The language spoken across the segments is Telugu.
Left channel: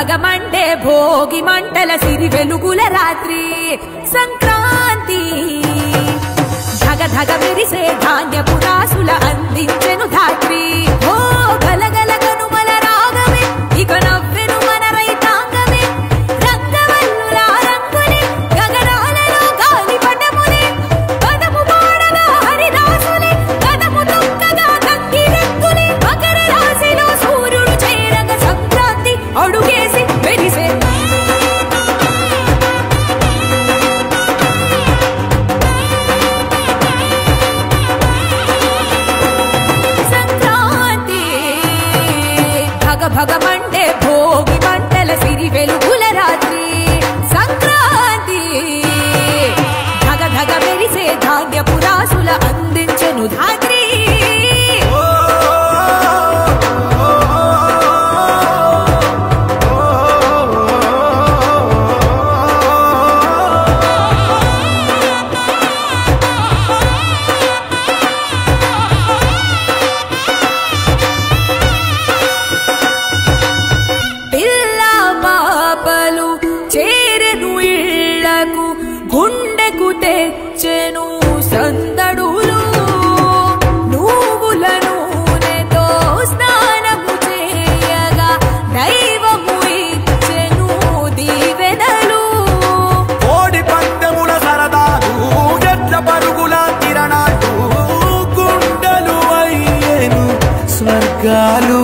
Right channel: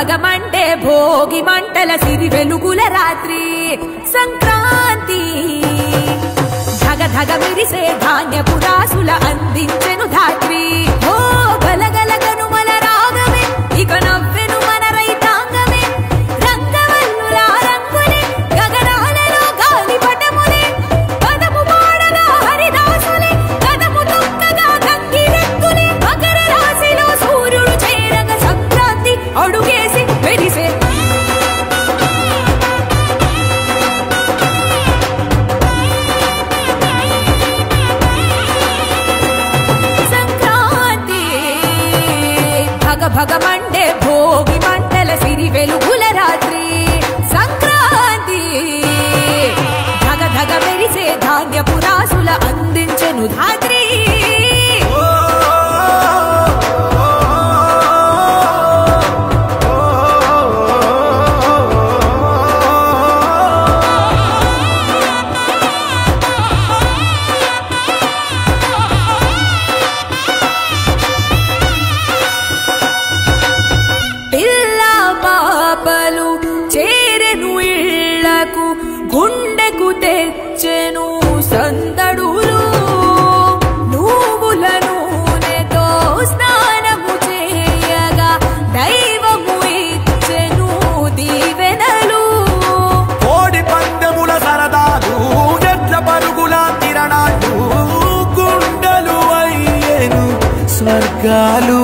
భగమండే భోగి మంటల సిరి వెలుగుల రాత్రి సంక్రాంతి ధగ ధగ మెరిసే ధాన్యపు రాసుల అందించెను ధాత్రి ఓ గలగల కనుమల రాగమే ఇక నవ్వెను మన రైతాంగమే రంగవల్లుల రంగులే గగనాలలో గాలి పటములే పదము పాడగా హరిదాసులే కదము తొక్కగా గంగిరెద్దులే మకర రాశిలో సూర్యుడు చేరగ సంక్రాంతి అడుగేసి మెరిసే భగమండే భోగి మంటల సిరి వెలుగుల రాత్రి సంక్రాంతి ధగ ధగ మెరిసే ధాన్యపు రాసుల అందించెను ధాత్రి చేరెను ఇళ్లకు గుండెకు తెచ్చెను సందడులు నువ్వుల నూనెతో స్నానము చేయగా దైవము ఇచ్చెను దీవెనలు కోడి పందెముల సరదాలు ఎట్ల పరుగుల తిరణాలు గుండెలు అయ్యేను స్వర్గాలు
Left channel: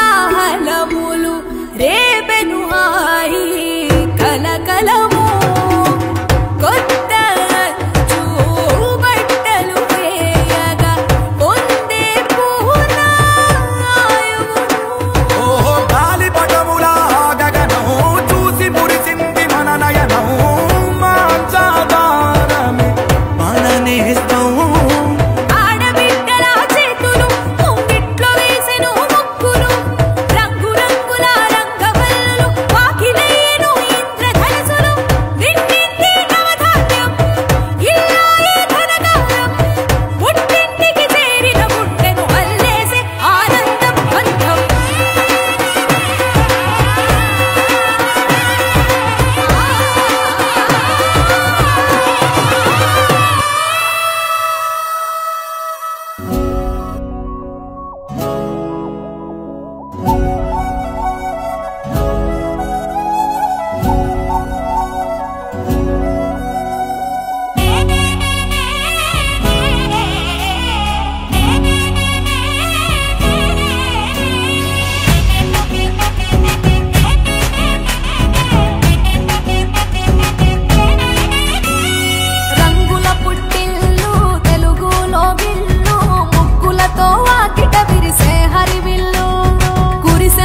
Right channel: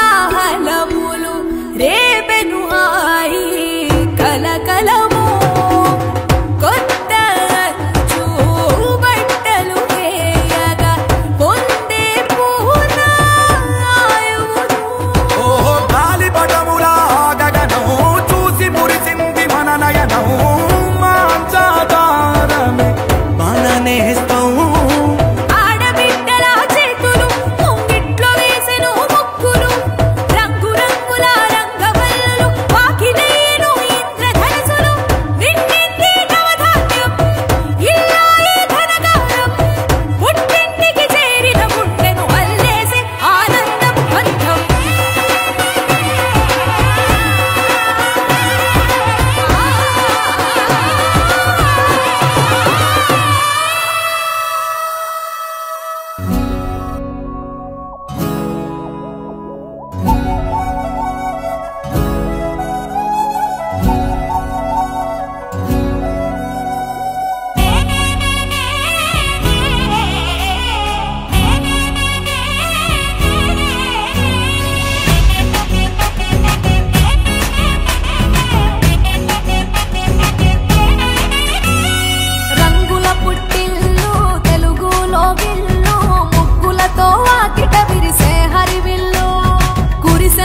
కోలాహలములు రేపెను హాయి కలకలము కొత్త అంచు బట్టలు వేయగా పొందే పూనాయువును ఓహో గాలిపటముల గగనం చూసి మురిసింది మన నయనం మాంచాదారమే మన నేస్తం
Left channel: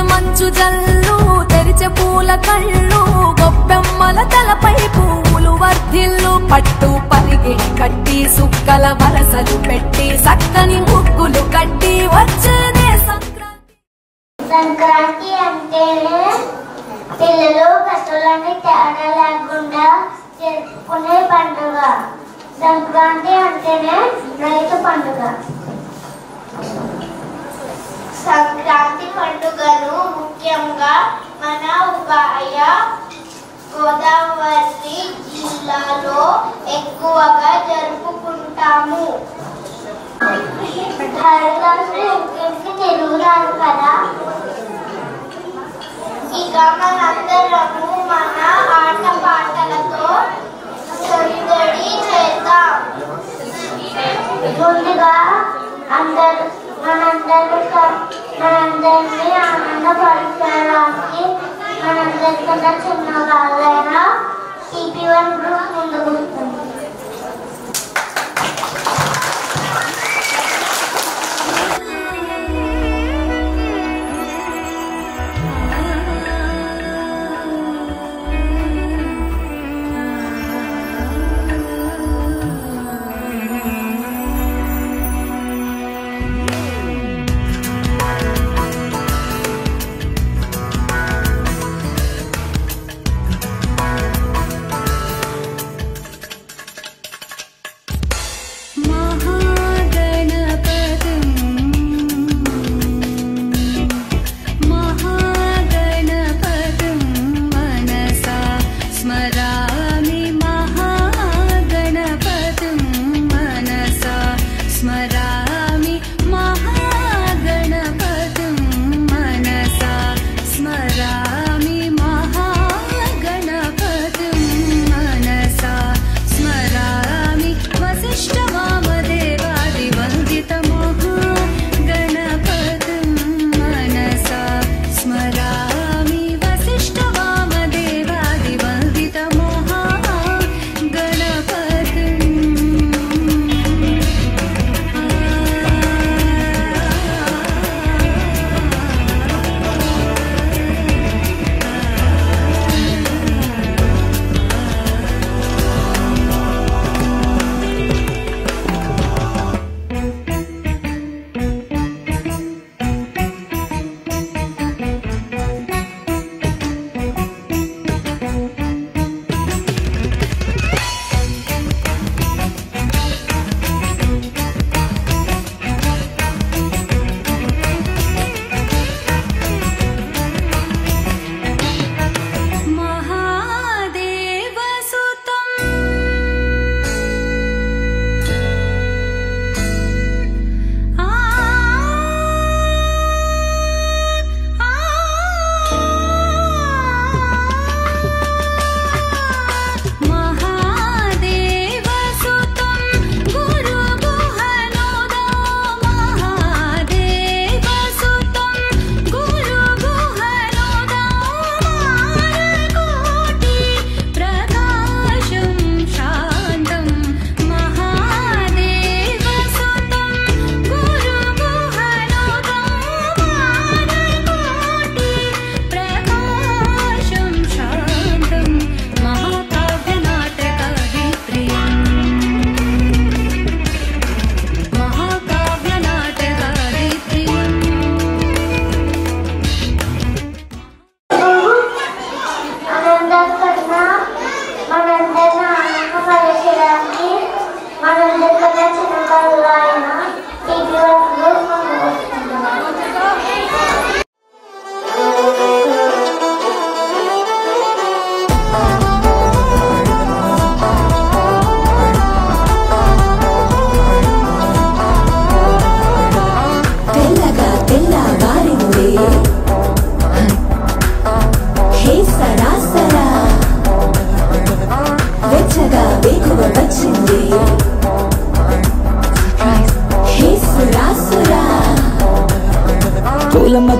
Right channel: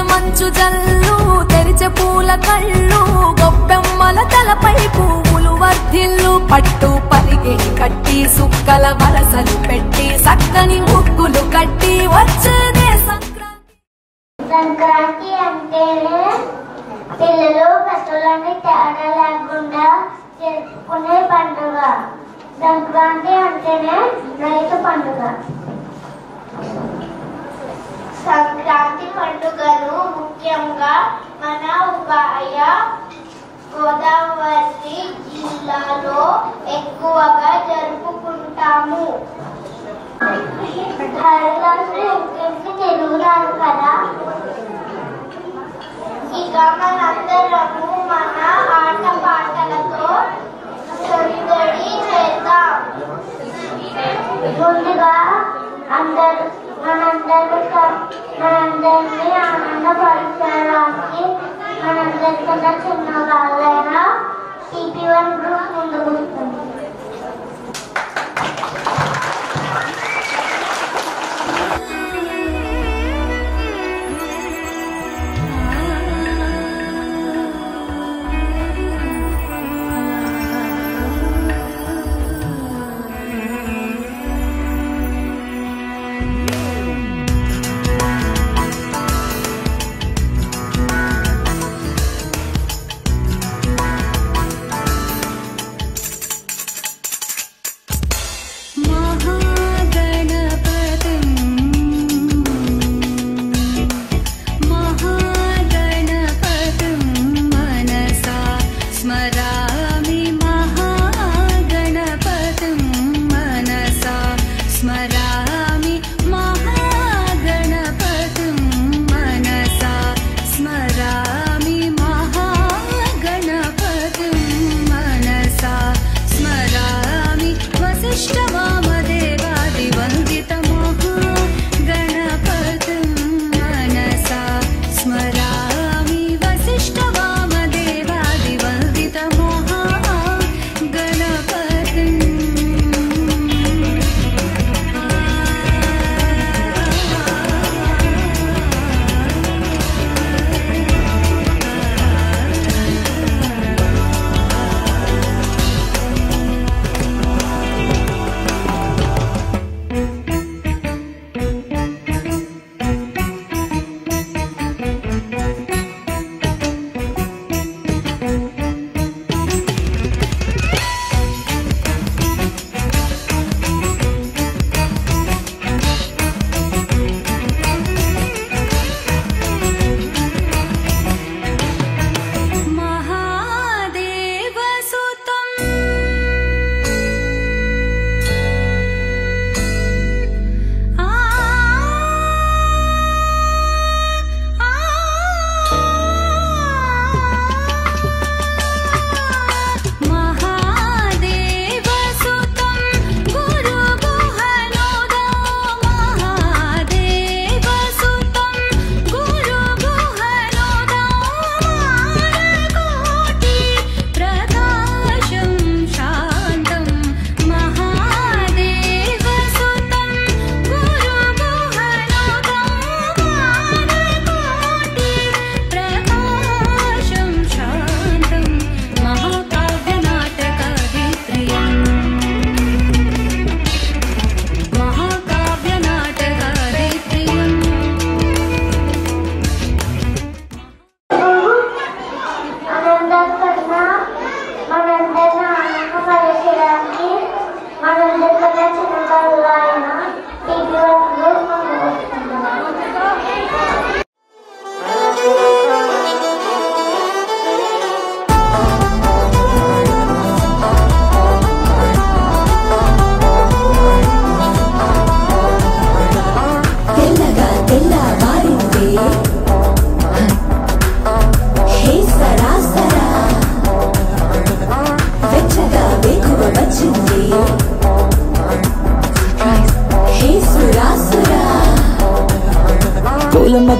మంచు జల్లు తెరిచే పూల కళ్ళు గొబ్బెమ్మల తలపై పువ్వులు వర్ధిల్లు పట్టు పరిగిడి కట్టి సుక్కల వరసలు పెట్టి సక్కని ముగ్గులు కట్టి వచ్చేదే సంక్రాంతి సంక్రాంతి అంటేనే పిల్లలు పెద్దలని తేడా లేకుండా జరుపుకునే పండుగ సంక్రాంతి అంటేనే రైతు పండుగ సంక్రాంతి పండుగను ముఖ్యంగా మన ఉభయ గోదావరి జిల్లాలో ఎక్కువగా జరుపుకుంటాము. తెలుగు రాదు కదా, ఇక మనందరము మన ఆట పాటలతో సందడి చేద్దాం. ముందుగా మనందరినీ ఆనందపరచడానికి మనందరికన్నా చిన్న వాళ్ళైనా CP1 గ్రూప్ ముందుకు వస్తుంది.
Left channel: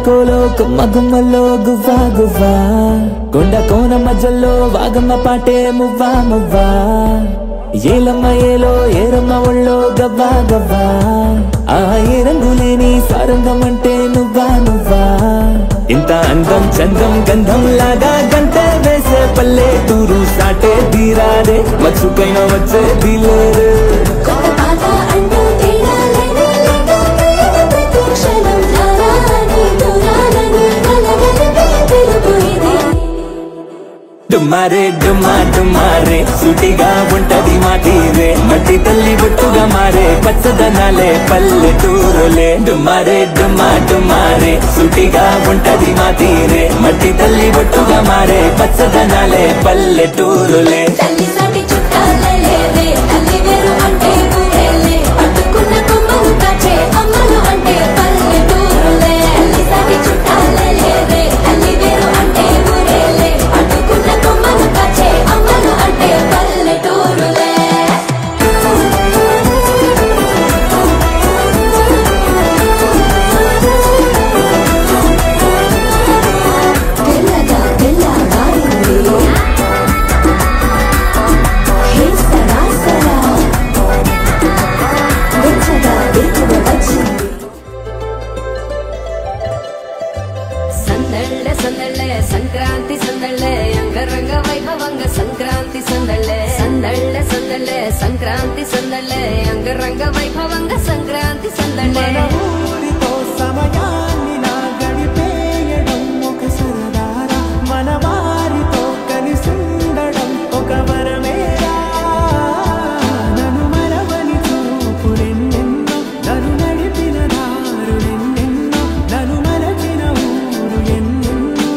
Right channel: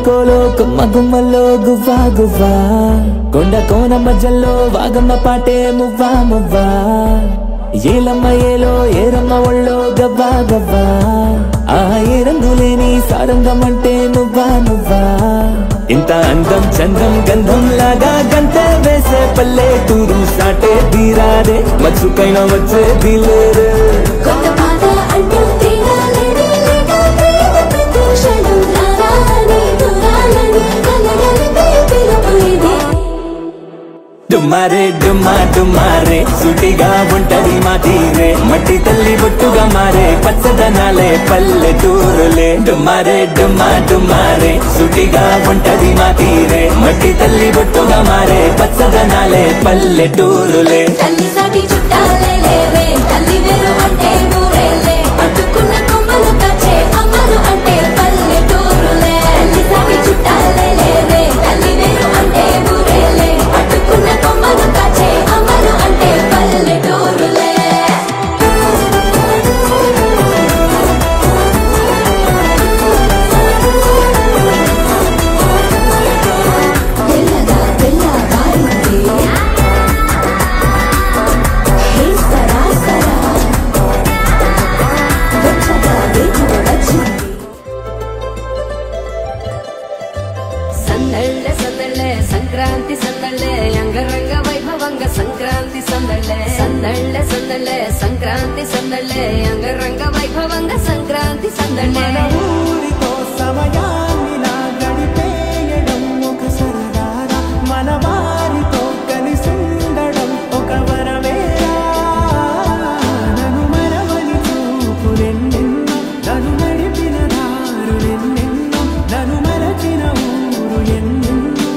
కోలో కొమ్మ గుమ్మలో గువ్వా గువ్వా కొండ కోన మధ్యలో వాగమ్మ పాటే మువ్వా మువ్వా ఏలమ్మ ఏలో ఏరమ్మ ఒళ్ళో గవ్వా గవ్వా ఆ ఏ రంగులేని సారంగం అంటే నువ్వా నువ్వా ఇంత అందం చందం గంధం లాగా గంతే వేసే పల్లెటూరు సాటే తీరాదే మచ్చుకైనా వచ్చే దిలేరే డుమ్మారే డుమ్మా డుమ్మారే సుటిగా ఉంటది మా తీరే మట్టి తల్లి బొట్టుగా మారే పచ్చదనాలే పల్లెటూరులే డుమ్మారే డుమ్మా డుమ్మారే సుటిగా ఉంటది మా తీరే మట్టి తల్లి బొట్టుగా మారే పచ్చదనాలే పల్లెటూరులే సంక్రాంతి సందళ్ళే అంగరంగ వైభవంగ సంక్రాంతి సందళ్ళే సందళ్ళే సందళ్ళే సంక్రాంతి సందళ్ళే అంగరంగ వైభవంగ సంక్రాంతి సందళ్ళే మన ఊరితో సమయాన్నిలా గడిపేయడం ఒక సరదారా మన వారితో కలిసుండడం ఒక వరమేరా నన్ను మరవని చూపులెన్నెన్నో నన్ను నడిపిన దారులెన్నెన్నో నన్ను మరచిన ఊరు ఎన్నెన్నో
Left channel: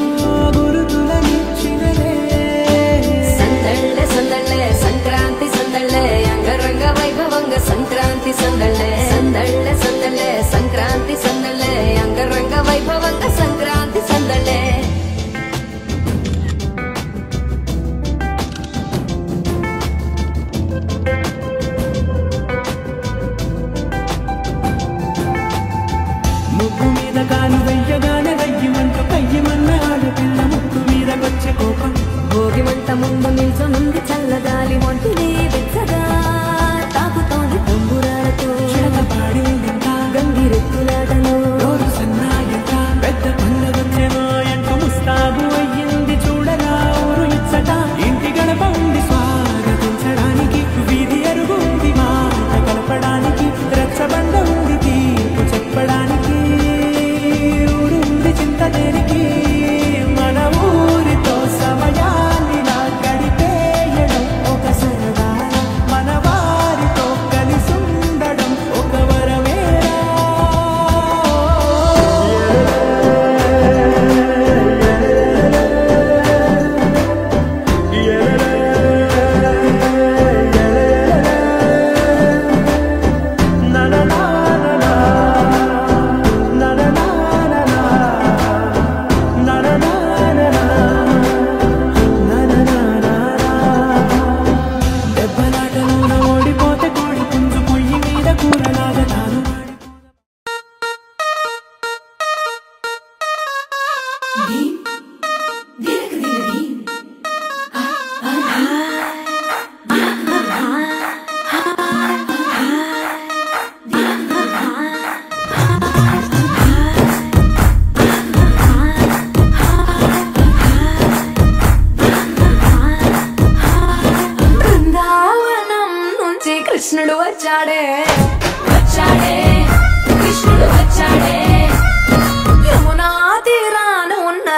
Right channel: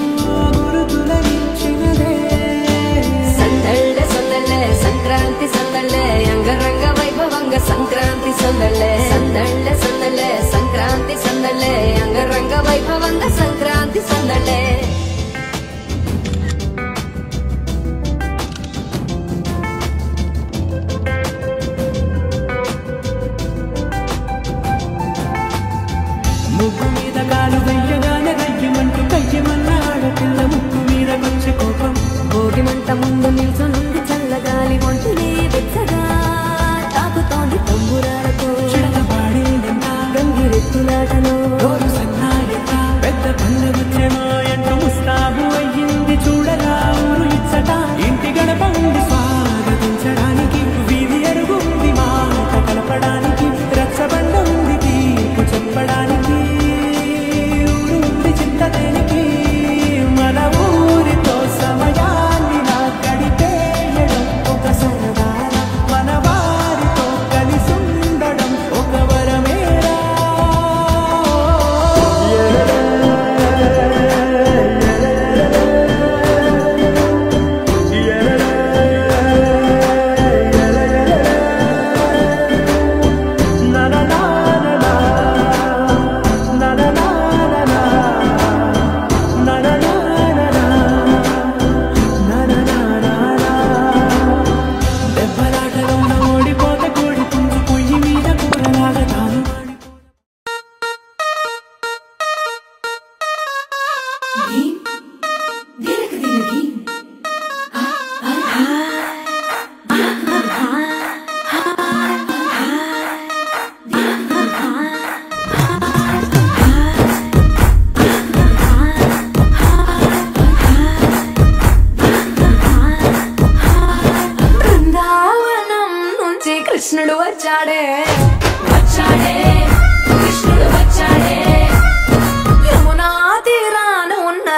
సంక్రాంతి సందళ్ళే అంగరంగ వైభవంగ సంక్రాంతి సందళ్ళే సందళ్ళే సందళ్ళే సంక్రాంతి సందళ్ళే అంగరంగ వైభవంగ సంక్రాంతి సందళ్ళే ముగ్గు మీద కాలు వెయ్యగానే రయ్యమంటూ కయ్యమన్న ఆడపిల్ల ముక్కు మీద వచ్చే కోపం భోగి మంట ముందు నిల్చొనుంది చల్లగాలి ఒంటిని వెచ్చగా తాకుతోంది తంబురాలతో చిడకపాడిందంట గంగిరెత్తులాటలో రోజు సన్నాయంట పెద్ద పండగొచ్చేమో అంటూ ముస్తాబు అయ్యింది చూడగా ఊరు ఇచ్చట ఇంటి గడప ఉంది స్వాగతించడానికి వీధి అరుగుంది మాట కలపడానికి రచ్చబండ ఉంది తీర్పు చెప్పడానికి ఊరుంది చింత దేనికి మన ఊరితో సమయాన్ని నా గడిపేయడం ఒక సరదారా మన వారితో కలిసుండడం ఒక వరమేరా దెబ్బలాటలోన ఓడిపోతే కోడి పుంజు పొయ్యి మీద కూరలాగా తాను బృందావనం నుంచి కృష్ణుడు వచ్చాడే వచ్చాడే కృష్ణుడు వచ్చాడే యమునా తీరాన ఉన్న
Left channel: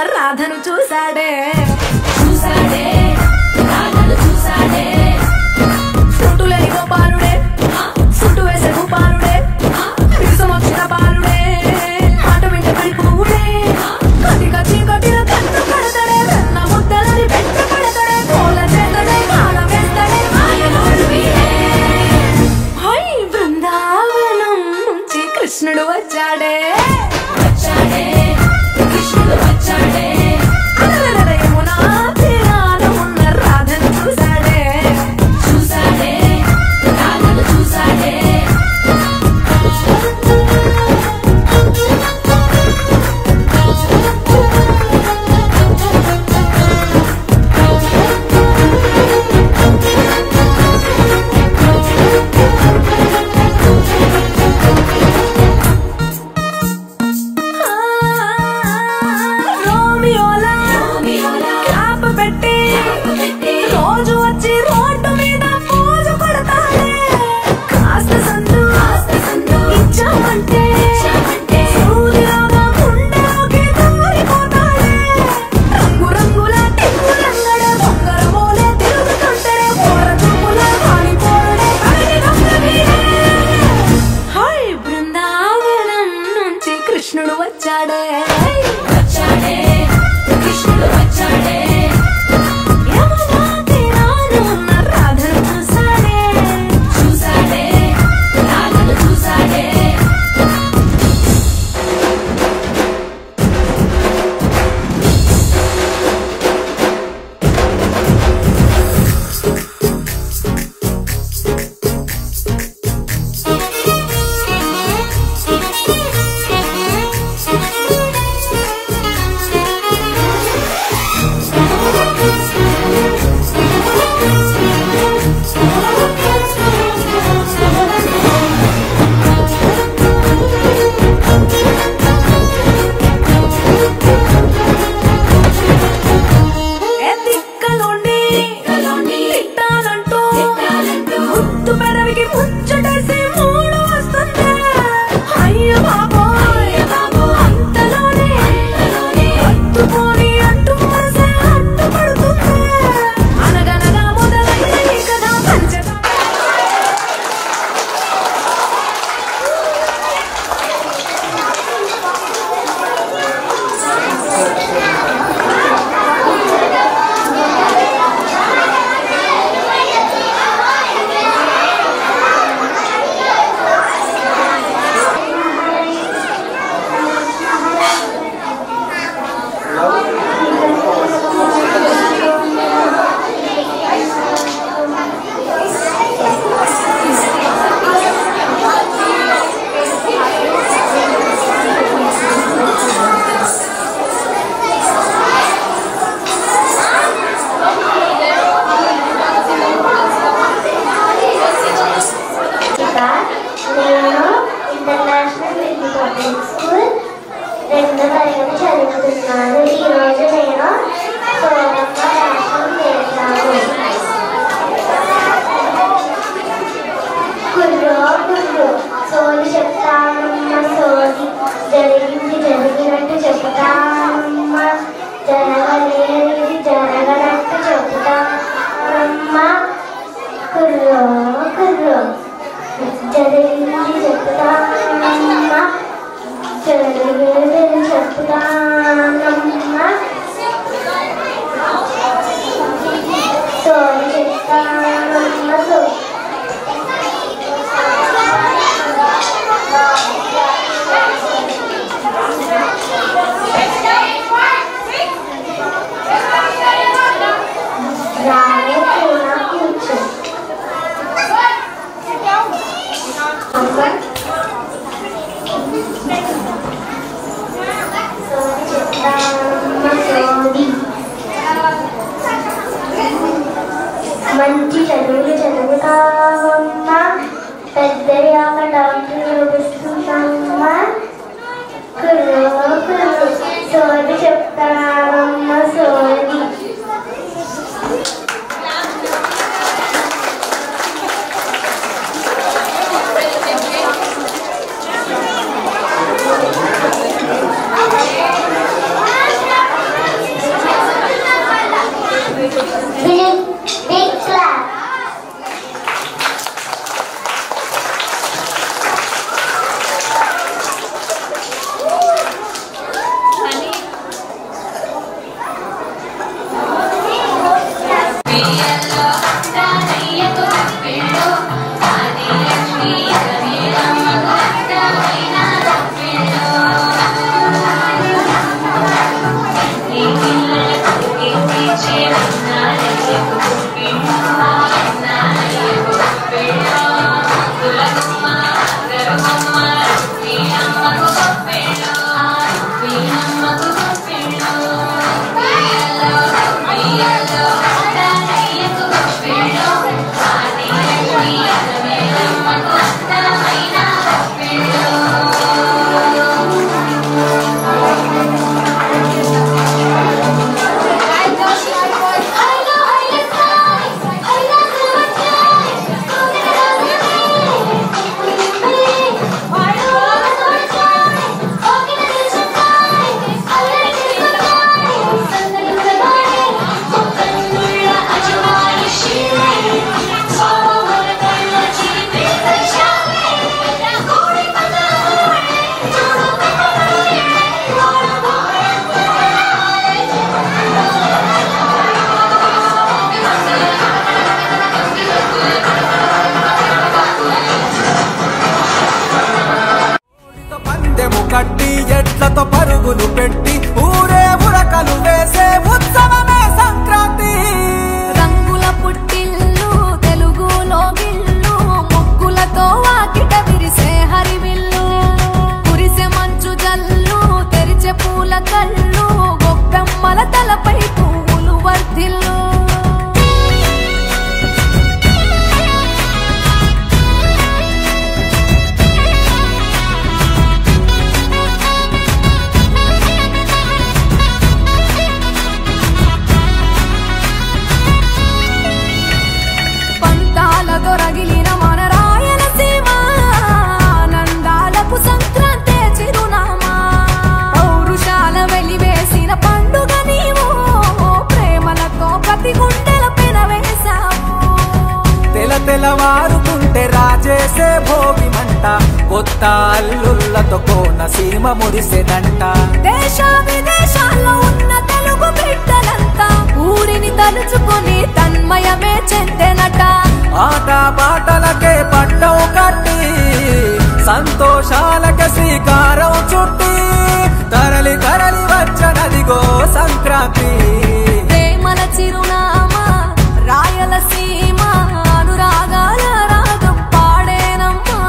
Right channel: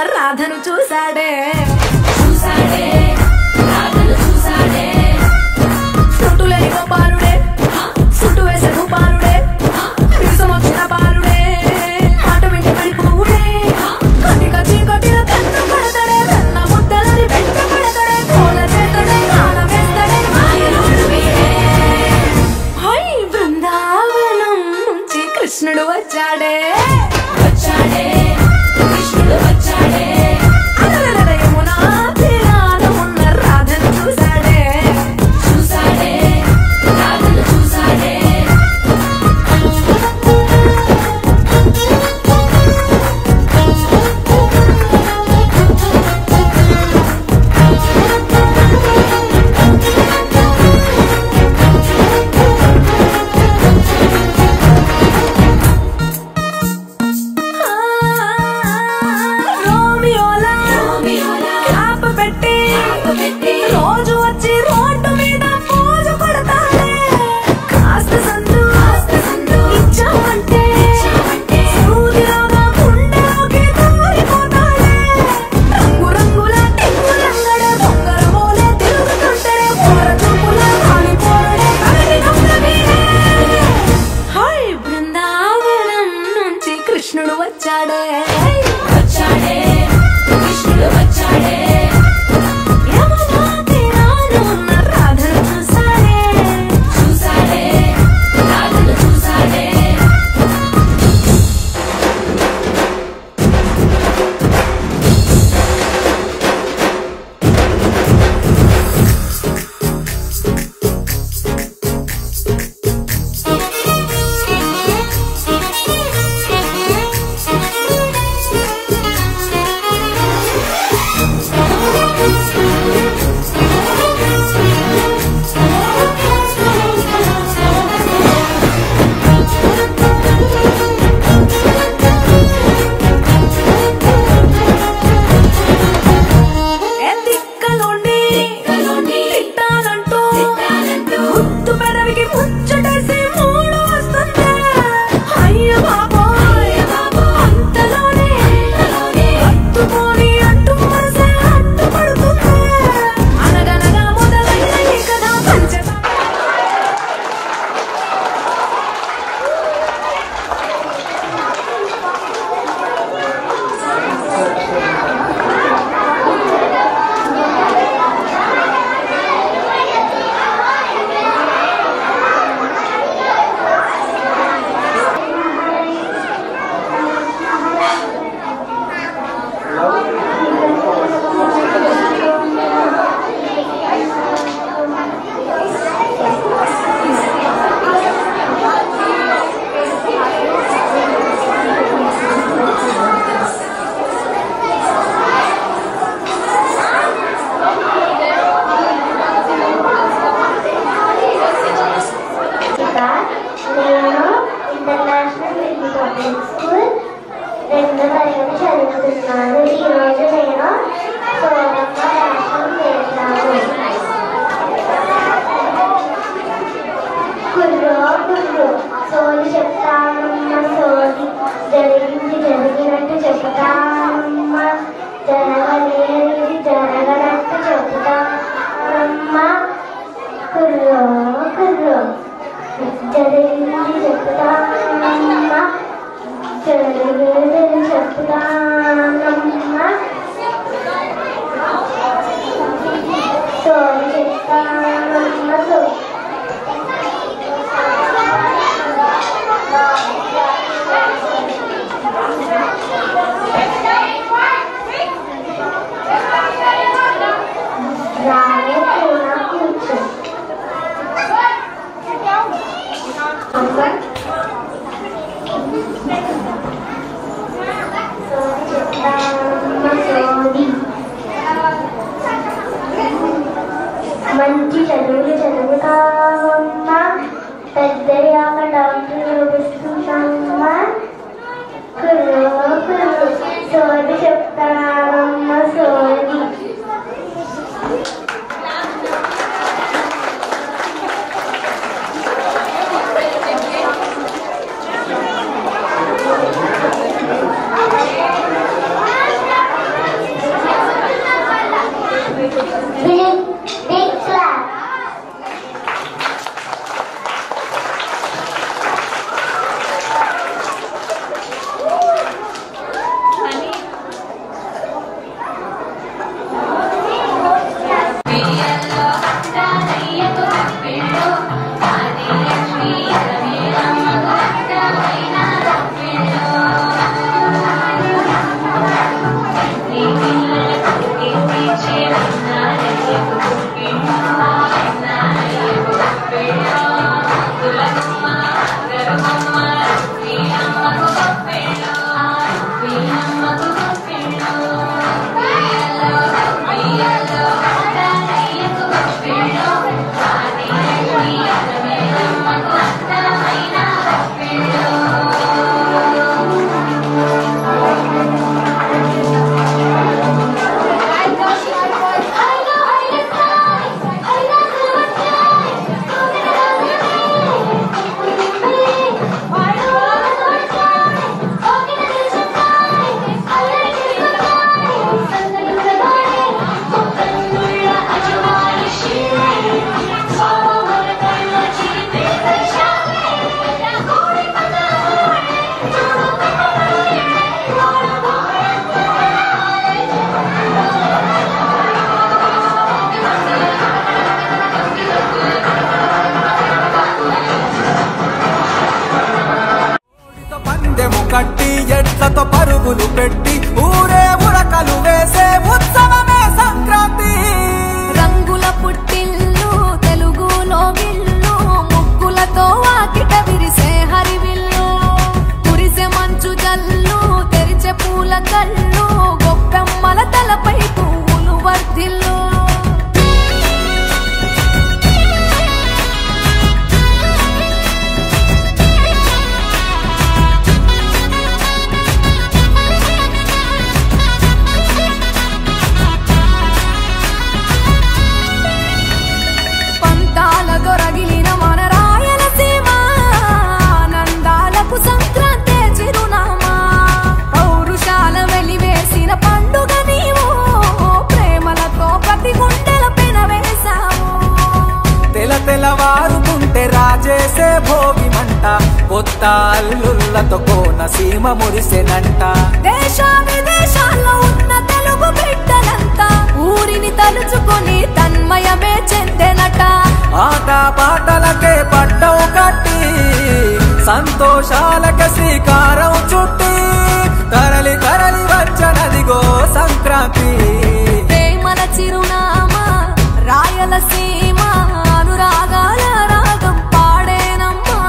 కట్టి ఎట్లతో పరుగులు పెట్టి ఊరే ఉరకలు వేసే ఉత్సవమే సంక్రాంతి. రంగుల పుట్టిల్లు తెలుగులో గిల్లు ముగ్గులతో వాకిట విరిసే హరివిల్లు కురిసే మంచు జల్లు తెరిచే పూల కళ్ళు గొప్పెమ్మల తలపై పువ్వులు వర్ధిల్లు. దొరగిలిన మన రాయలసీమ నందాలకు సంక్రాంతి చిరునామా పౌరుషాల వెలివేసిన పండుగ నీవు ప్రేమలతో ప్రతి గుండెల పెనవేశావు. తెలవారుతుంటే రాజేసే భోగి మంట కొత్త అల్లుళ్లతో కోనసీమ మురిసెనంట. దేశ విదేశాల్లో ఉన్న తెలుగు బిడ్డలంతా ఊరిని తలుచుకొని తన్మయమే చెందెనట. ఆట పాటలకే పట్టం కట్టి సంతోషాలకే శ్రీకారం చుట్టి తరలి తరలి వచ్చనదిగో సంక్రాంతి. ప్రేమల చిరునామా రాయలసీమ అనురాగాల రాగం పాడేనమ్మా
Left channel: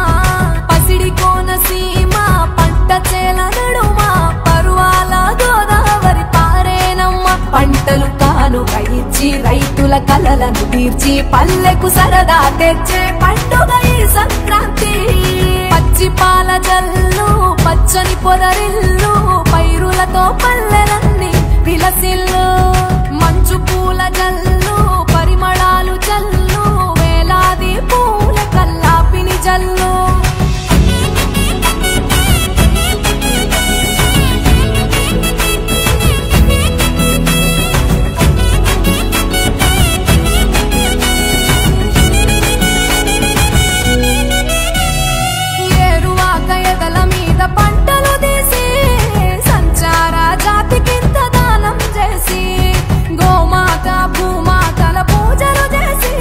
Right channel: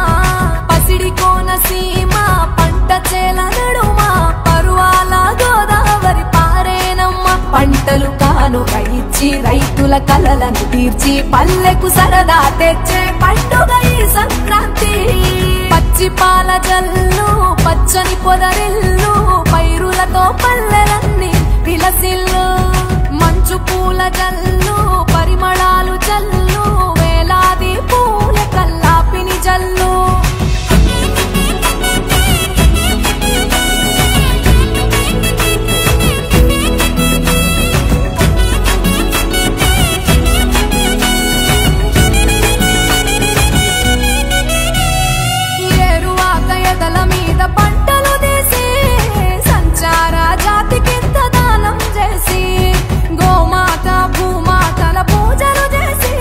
పసిడి కోనసీమ పంట చేల నడుమా పరువాల గోదావరి పారేనమ్మా. పంటలు కానుక ఇచ్చి రైతుల కలలను తీర్చి పల్లెకు సరదా తెచ్చే పండుగ ఈ సంక్రాంతి. పచ్చి పాల జల్లు పచ్చని పొదరిల్లు పైరులతో పల్లెలన్నీ విలసిల్లు మంచు పూల జల్లు పరిమళాలు జల్లు వేలాది పూల కల్లాపిని జల్లు. ఏరువాక ఎదల మీద పంటలు తీసి సంచార జాతికింత దానం చేసి గోమాత భూమాతల పూజలు చేసి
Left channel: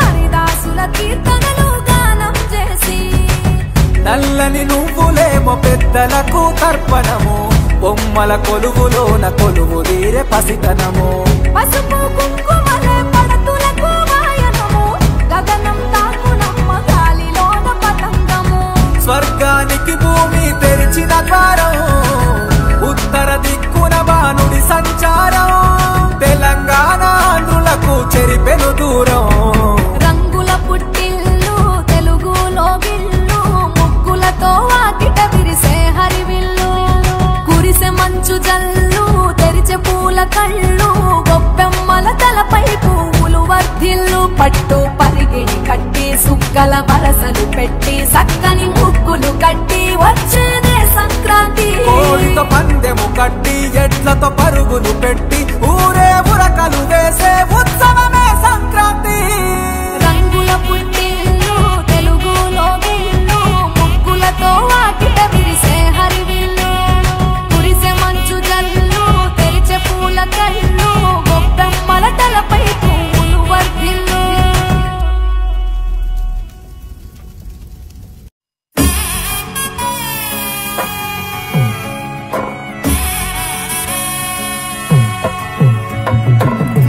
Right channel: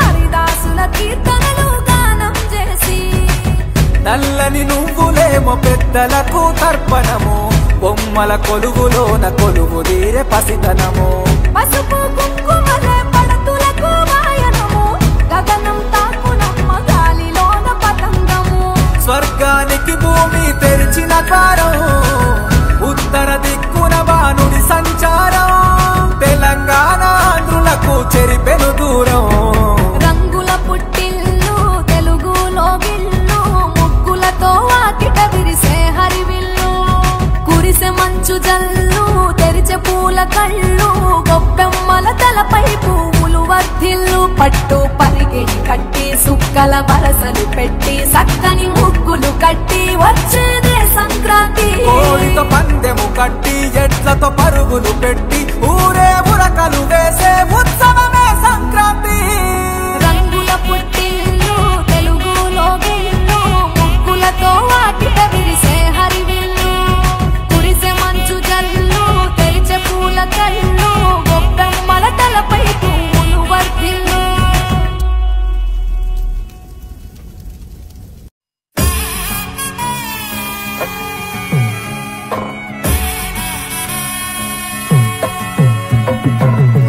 హరిదాసుల కీర్తనలు గానం చేసి నల్లని నువ్వులేమో పెద్దలకు తర్పణము బొమ్మల కొలువులోన కొలువు తీరే పసితనము. పసుపు కుంకుమలే పడతులకు వాయనము గగనం తాకునమ్మ గాలిలోన పతంగము. స్వర్గానికి భూమి తెరిచిన ద్వారం ఉత్తర దిక్కున బాణుడి సంచారం తెలంగాణ ఆంధ్రులకు చెరిపెను దూరం. రంగుల పుట్టిల్లు తెలుగులో గిల్లు ముగ్గులతో వాకిట విరిసే హరివిల్లు కురిసే మంచు జల్లు తెరిచే పూల కళ్ళు గొప్పెమ్మల తలపై పువ్వులు వర్ధిల్లు పట్టు పరిగిణి కట్టి సుక్కల వరసలు పెట్టి సక్కని ముగ్గులు కట్టి వచ్చేదే సంక్రాంతి. కోడితో పందెము కట్టి ఎట్లతో పరుగులు పెట్టి ఊరే ఉరకలు వేసే ఉత్సవమే సంక్రాంతి. రంగుల పుట్టిల్లు తెలుగులో గిల్లు ముగ్గులతో వాకిట విరిసే హరివిల్లు కురిసే మంచు జల్లు తెరిచే పూల కళ్ళు గొప్పెమ్మల తలపై పువ్వులు వర్ధిల్లు.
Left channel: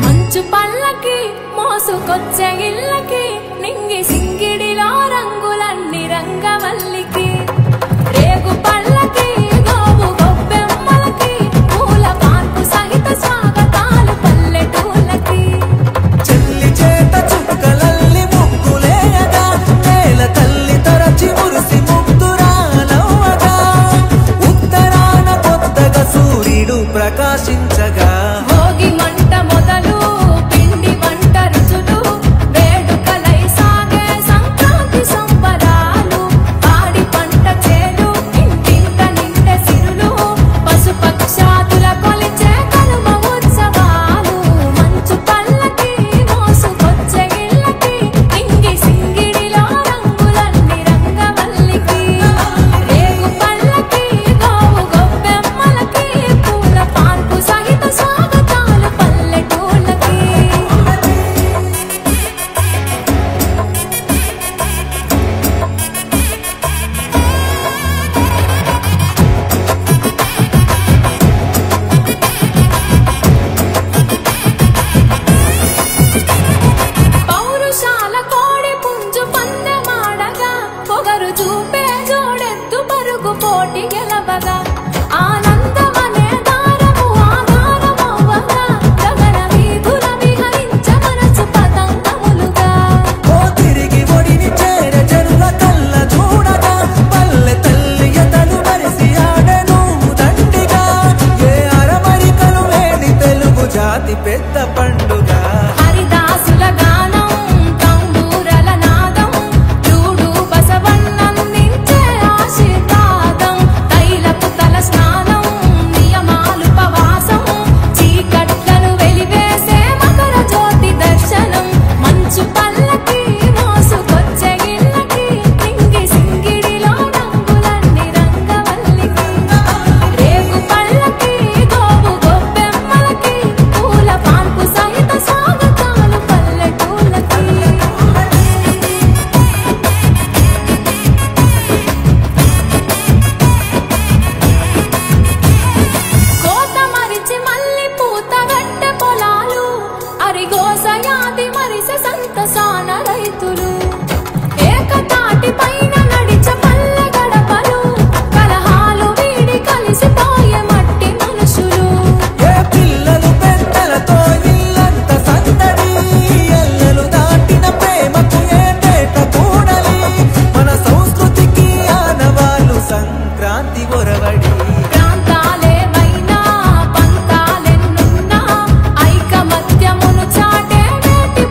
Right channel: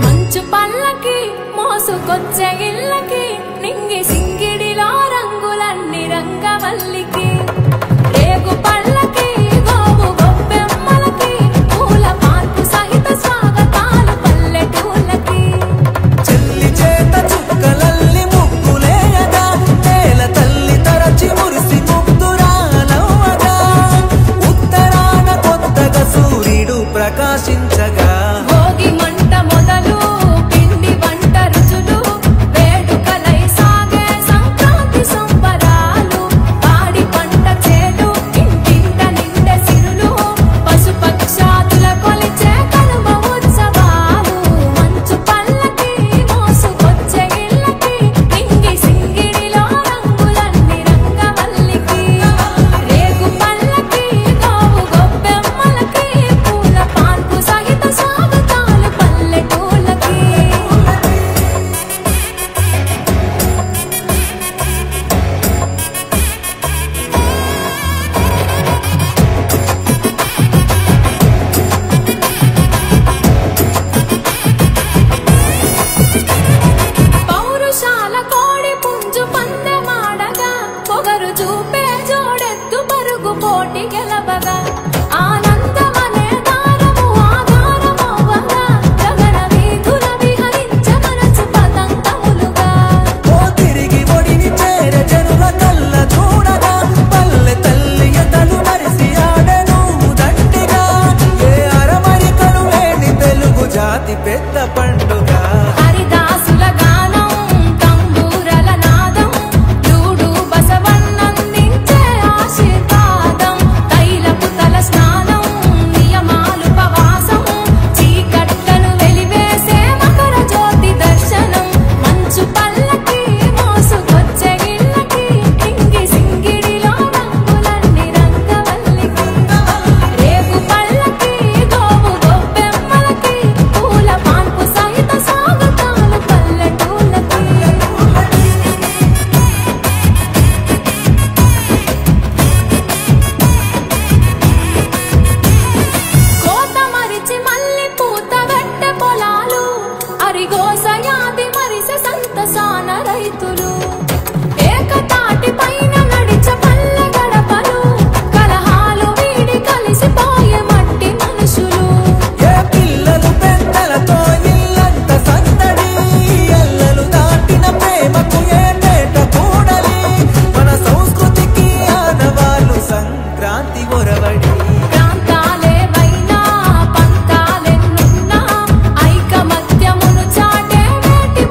మంచు పల్లకి మోసుకొచ్చే ఇళ్ళకి నింగి సింగిడిలో రంగులన్నీ రంగవల్లికి రేగు పళ్ళకి గోవు గొబ్బెమ్మలకి పూల పాన్పు సహిత స్వాగతాలు పల్లెటూళ్ళకి. చెల్లి చేత చుక్కలల్లి ముగ్గులేయగా నేల తల్లి తరచి మురిసి ముగ్ధురాలవ్వగా ఉత్తరాన కొత్తగా సూర్యుడు ప్రకాశించగా భోగి మంట మొదలు పిండి వంట రుచులు వేడుకలై సాగే సంక్రాంతి సంబరాలు పాడి పంట చేలు ఇంటింట నిండే సిరులు పశుపక్షాదుల కొలిచే కనుమ ఉత్సవాలు మంచు పల్లకి మోసుకొచ్చే ఇళ్ళకి నింగి సింగిడిలో రంగులన్నీ రంగవల్లికి రేగు పల్లకి గోవు గొబ్బెమ్మలకి పూల పాన్పు సహిత స్వాగతాలు పల్లెటూళ్ళకి. జాతి పెద్ద పండుగ హరిదాసుల గానం తంబూరల నాదం లూడు బసవన్నందించే ఆశీర్వాదం తైలపు తల స్నానం నియమాలు పవాసం చీకట్లను వెలివేసే మకర జ్యోతి దర్శనం మంచు పల్లకి మోసుకొచ్చే ఇళ్ళకి సింగి సింగిడిలో రంగులన్నీ రంగవల్లికి రేగు పల్లకి గోవు గొబ్బెమ్మలకి పూల పాన్పు సహిత స్వాగతాలు పల్లెటూళ్ళకి కోత మరిచి మల్లి పూత వెట్టె పొలాలు అరిగోసయాది మరిసె సంతసాన రైతులు ఏకతాటి పైన నడిచ పల్లె గడపలు కలహాలు వీడి కలిసిపోయే మట్టి మనుషులు ఏ పిల్లలు పెద్దలతో ఇల్లంత సందడి ఎల్లలు దాటిన ప్రేమకు ఏటేట కూడలి మన సంస్కృతికి ఆనవాళ్ళు సంక్రాంతి ఒరవడి ప్రాంతాలేవైనా పంతాలెన్నున్నా ఐకమత్యమును చాటే నేటి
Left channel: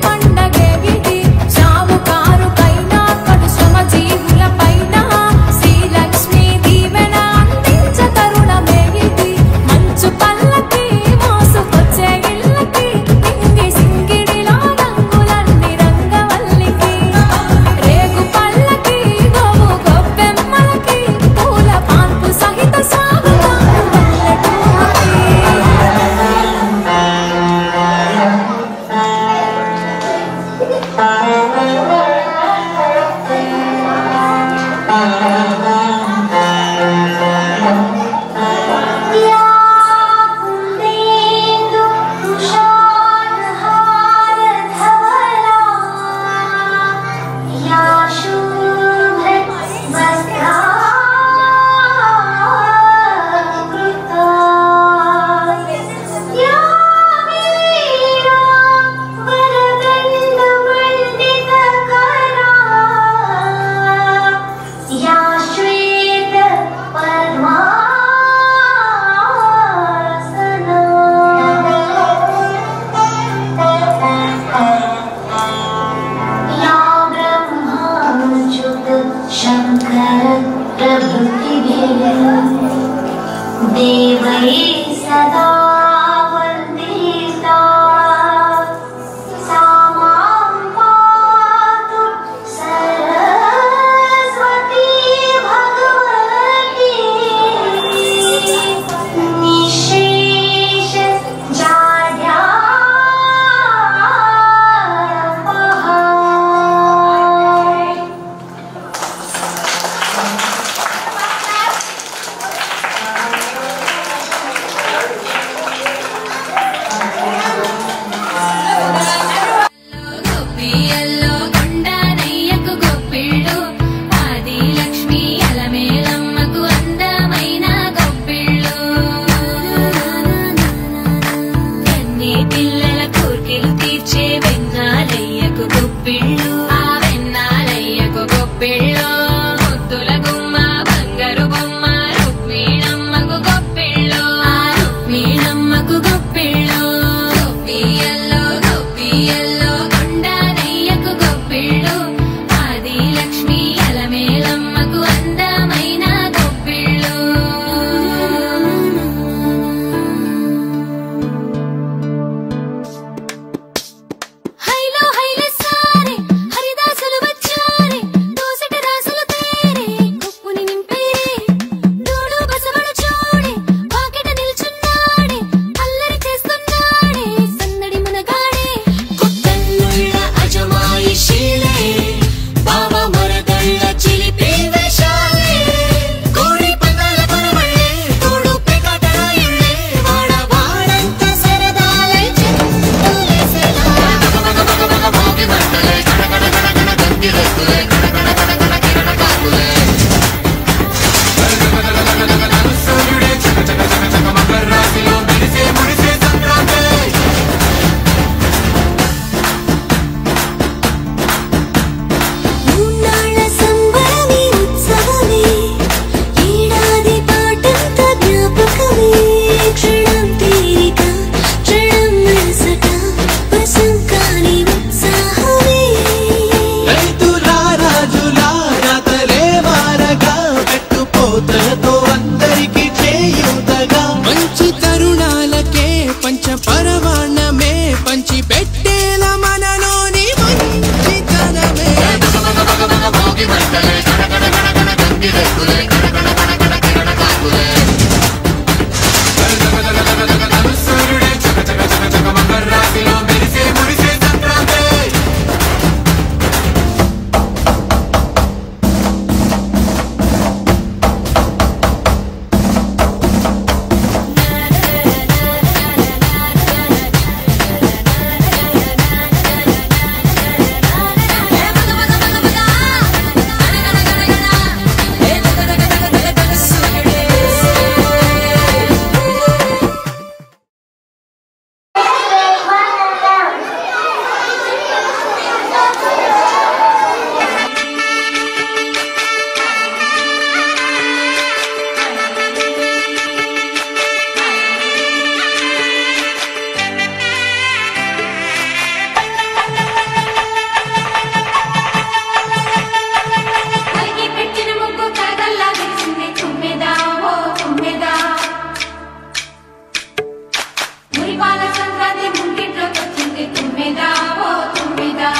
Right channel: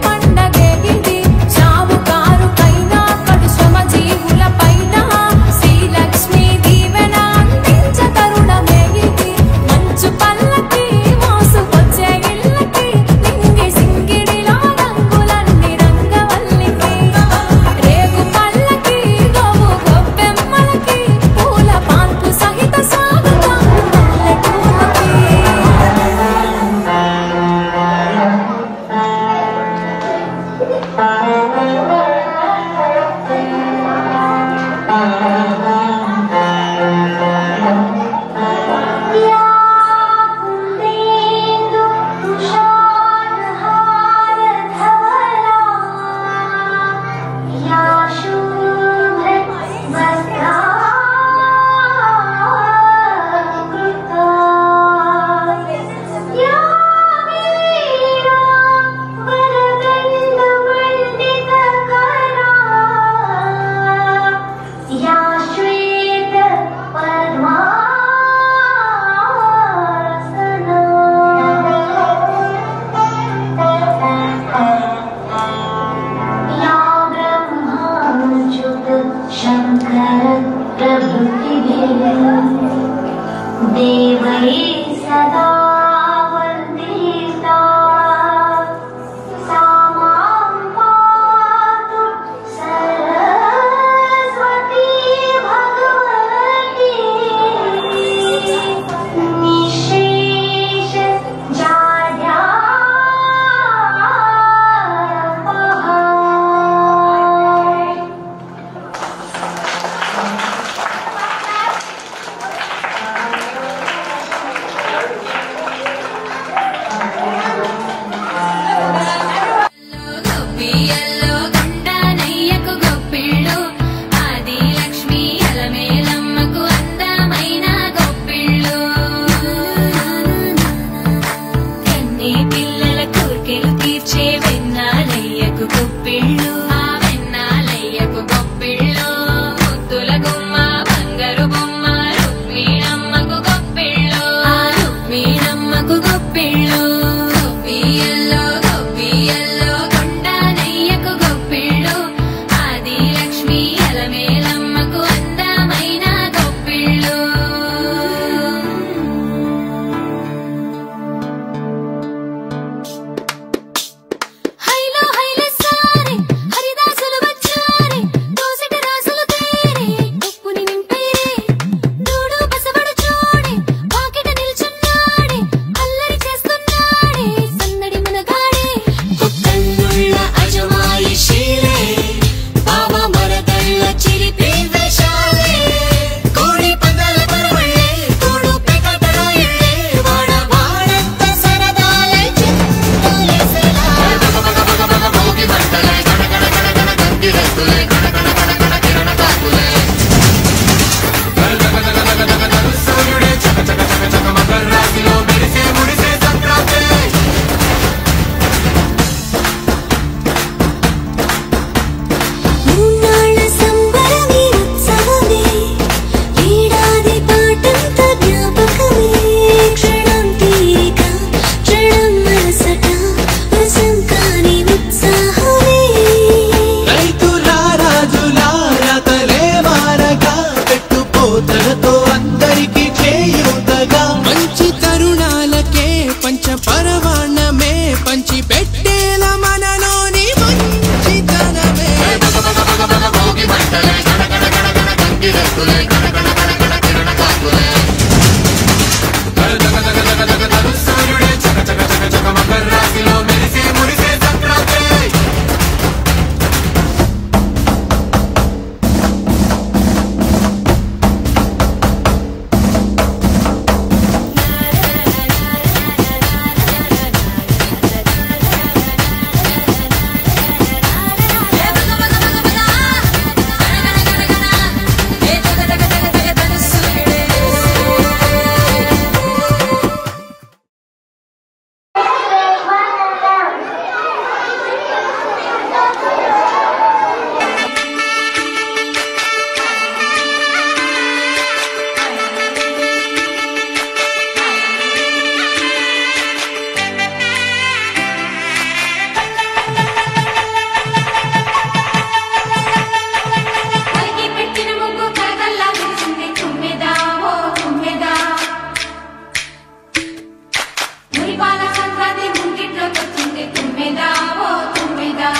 తుమ్మెదా ఓ తుమ్మెదా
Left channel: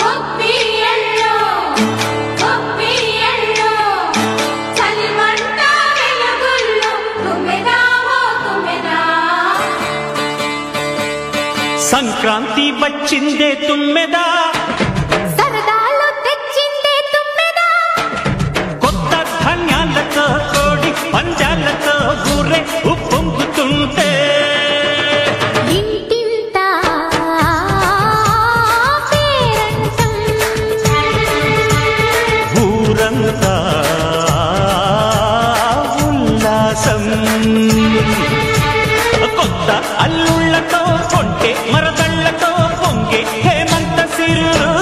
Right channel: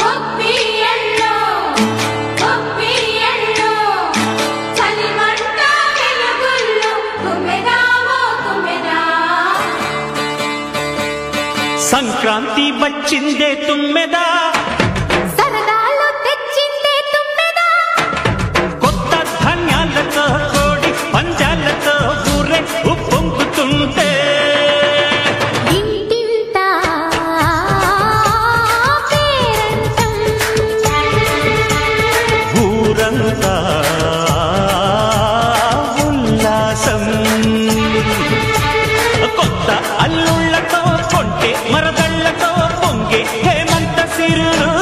గొప్పి ఎల్లో చలిమంట వెలుగుల్లో తుమ్మెదా ఓ తుమ్మెదా సంక్రాంతి వచ్చిందే తుమ్మెదా సరదాలు తెచ్చిందే తుమ్మెదా కొత్త ధాన్యాలతో కోడి పంజాలతో ఊరే ఉప్పొంగుతుంటే ఇంటింట పేరంటం ఊరంతా ఉల్లాసం కొత్త అల్లుళ్లతో కొంటే మరదళ్లతో పొంగే హేమంత సిరులు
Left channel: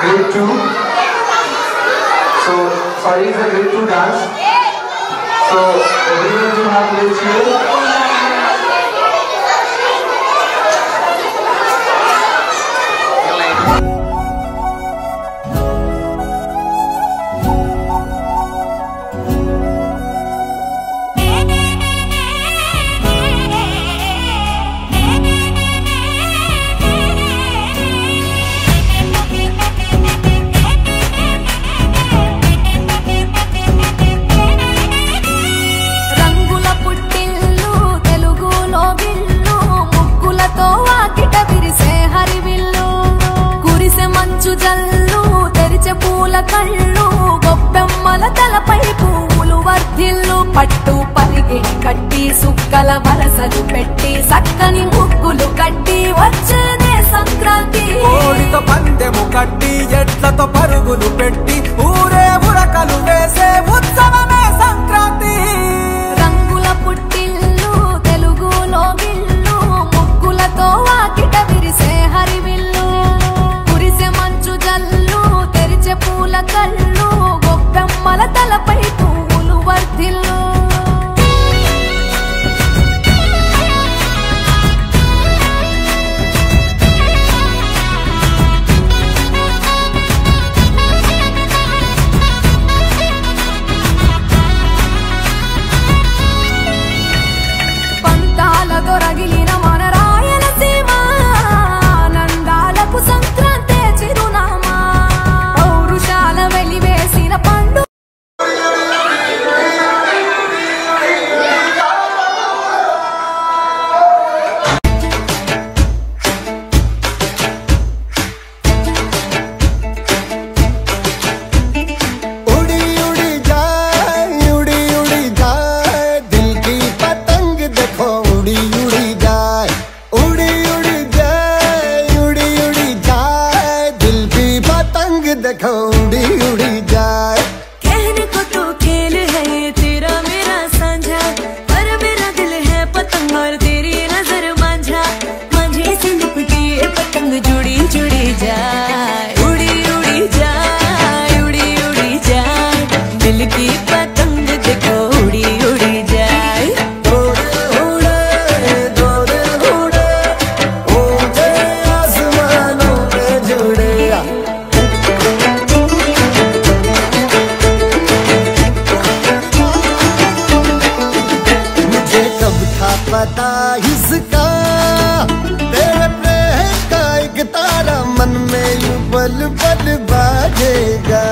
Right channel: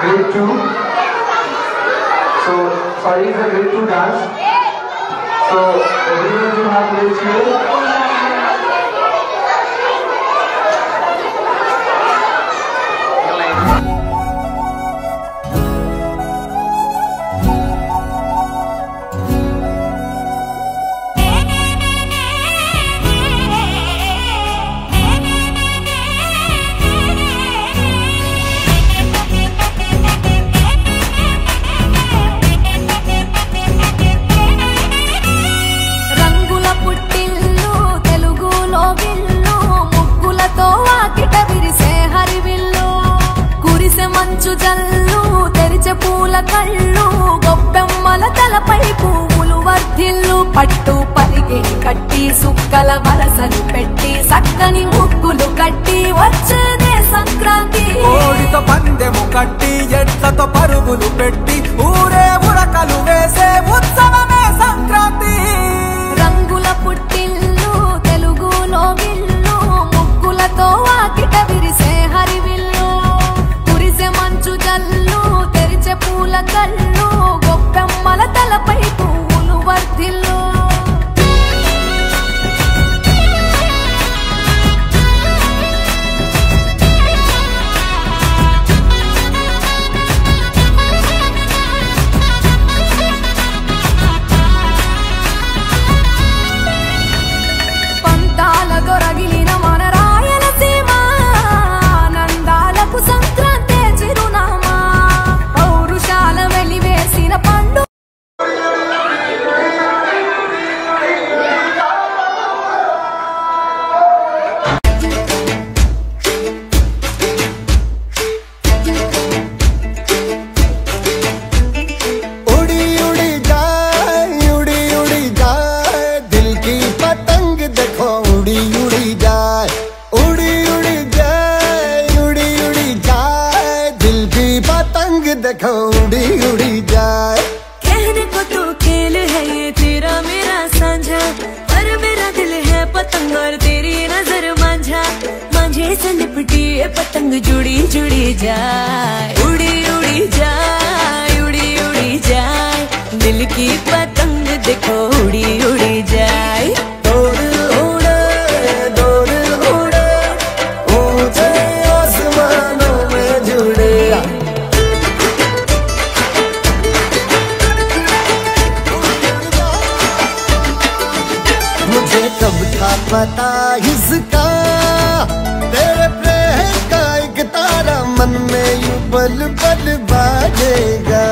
Grade 2. So, sorry, it's a grade 2 dance. So, everyone will have plates here. పుట్టిల్లు తెలుగులో విల్లు ముగ్గులతో వాకిట విరిసే హరివిల్లు కురిసె మంచు జల్లు తెరిచే పూల కళ్ళు గొబ్బెమ్మల తలపై పువ్వులు వర్ధిల్లు పట్టు పరిగే కట్టి సుక్కల వరసలు పెట్టి సక్కని ముగ్గులు కట్టి వచ్చేదే సంక్రాంతి కోడితో పందెము కట్టి ఎట్లతో పరుగులు పెట్టి ఊరే ఉరకలు వేసే ఉత్సవమే సంక్రాంతి రంగుల పుట్టిల్లు తెలుగులో గిల్లు ముగ్గులతో వాకిట విరిసే హరివిల్లు కురిసె మంచు జల్లు తెరిచే పూల కళ్ళు గొబ్బెమ్మల తలపై పువ్వులు వర్ధిల్లు పంతాలతో రగిలిన మన రాయలసీమ నందాలకు సంక్రాంతి చిరునామా పౌరుషాల వెలివేసిన పండు देखो उड़ी उड़ी जाए कहने को तो खेल है ये तेरा मेरा साझा पर मेरा दिल है पतंग और तेरी नजर मांझा मांझे से लिपटी ये पतंग जुड़ी जुड़ी जाए उड़ी उड़ी जाए उड़ी उड़ी जाए दिल की पतंग देखो उड़ी उड़ी जाए कब था पता इसका तेरे प्रेम का एक तारा मन में यूं पल पल बाजेगा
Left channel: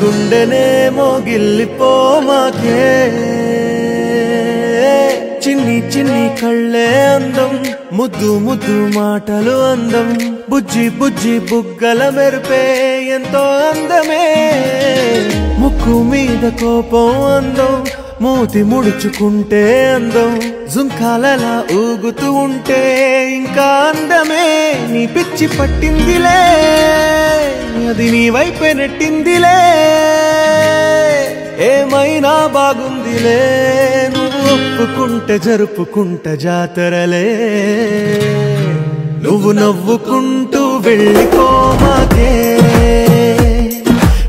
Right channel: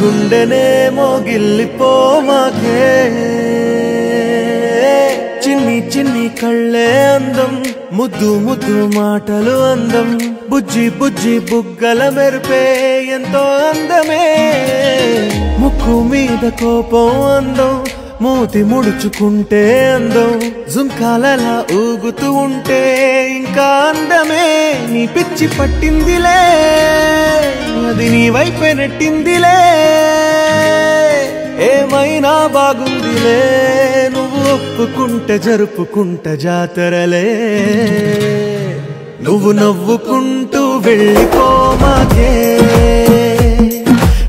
గుండెనే మోగిల్లిపోమాకే చిన్ని చిన్ని కళ్ళే అందం ముద్దు ముద్దు మాటలు అందం బుజ్జి బుజ్జి బుగ్గల మెరుపే ఎంతో అందమే ముక్కు మీద కోపం అందం మూతి ముడుచుకుంటే అందం జుంకాలలా ఊగుతూ ఉంటే ఇంకా అందమే నీ పిచ్చి పట్టిందిలే అది నీ వైపే నెట్టిందిలే ఏమైనా బాగుందిలే నువ్వు ఒప్పుకుంటే జరుపుకుంట జాతరలే నువ్వు నవ్వుకుంటూ వెళ్ళిపోమాకే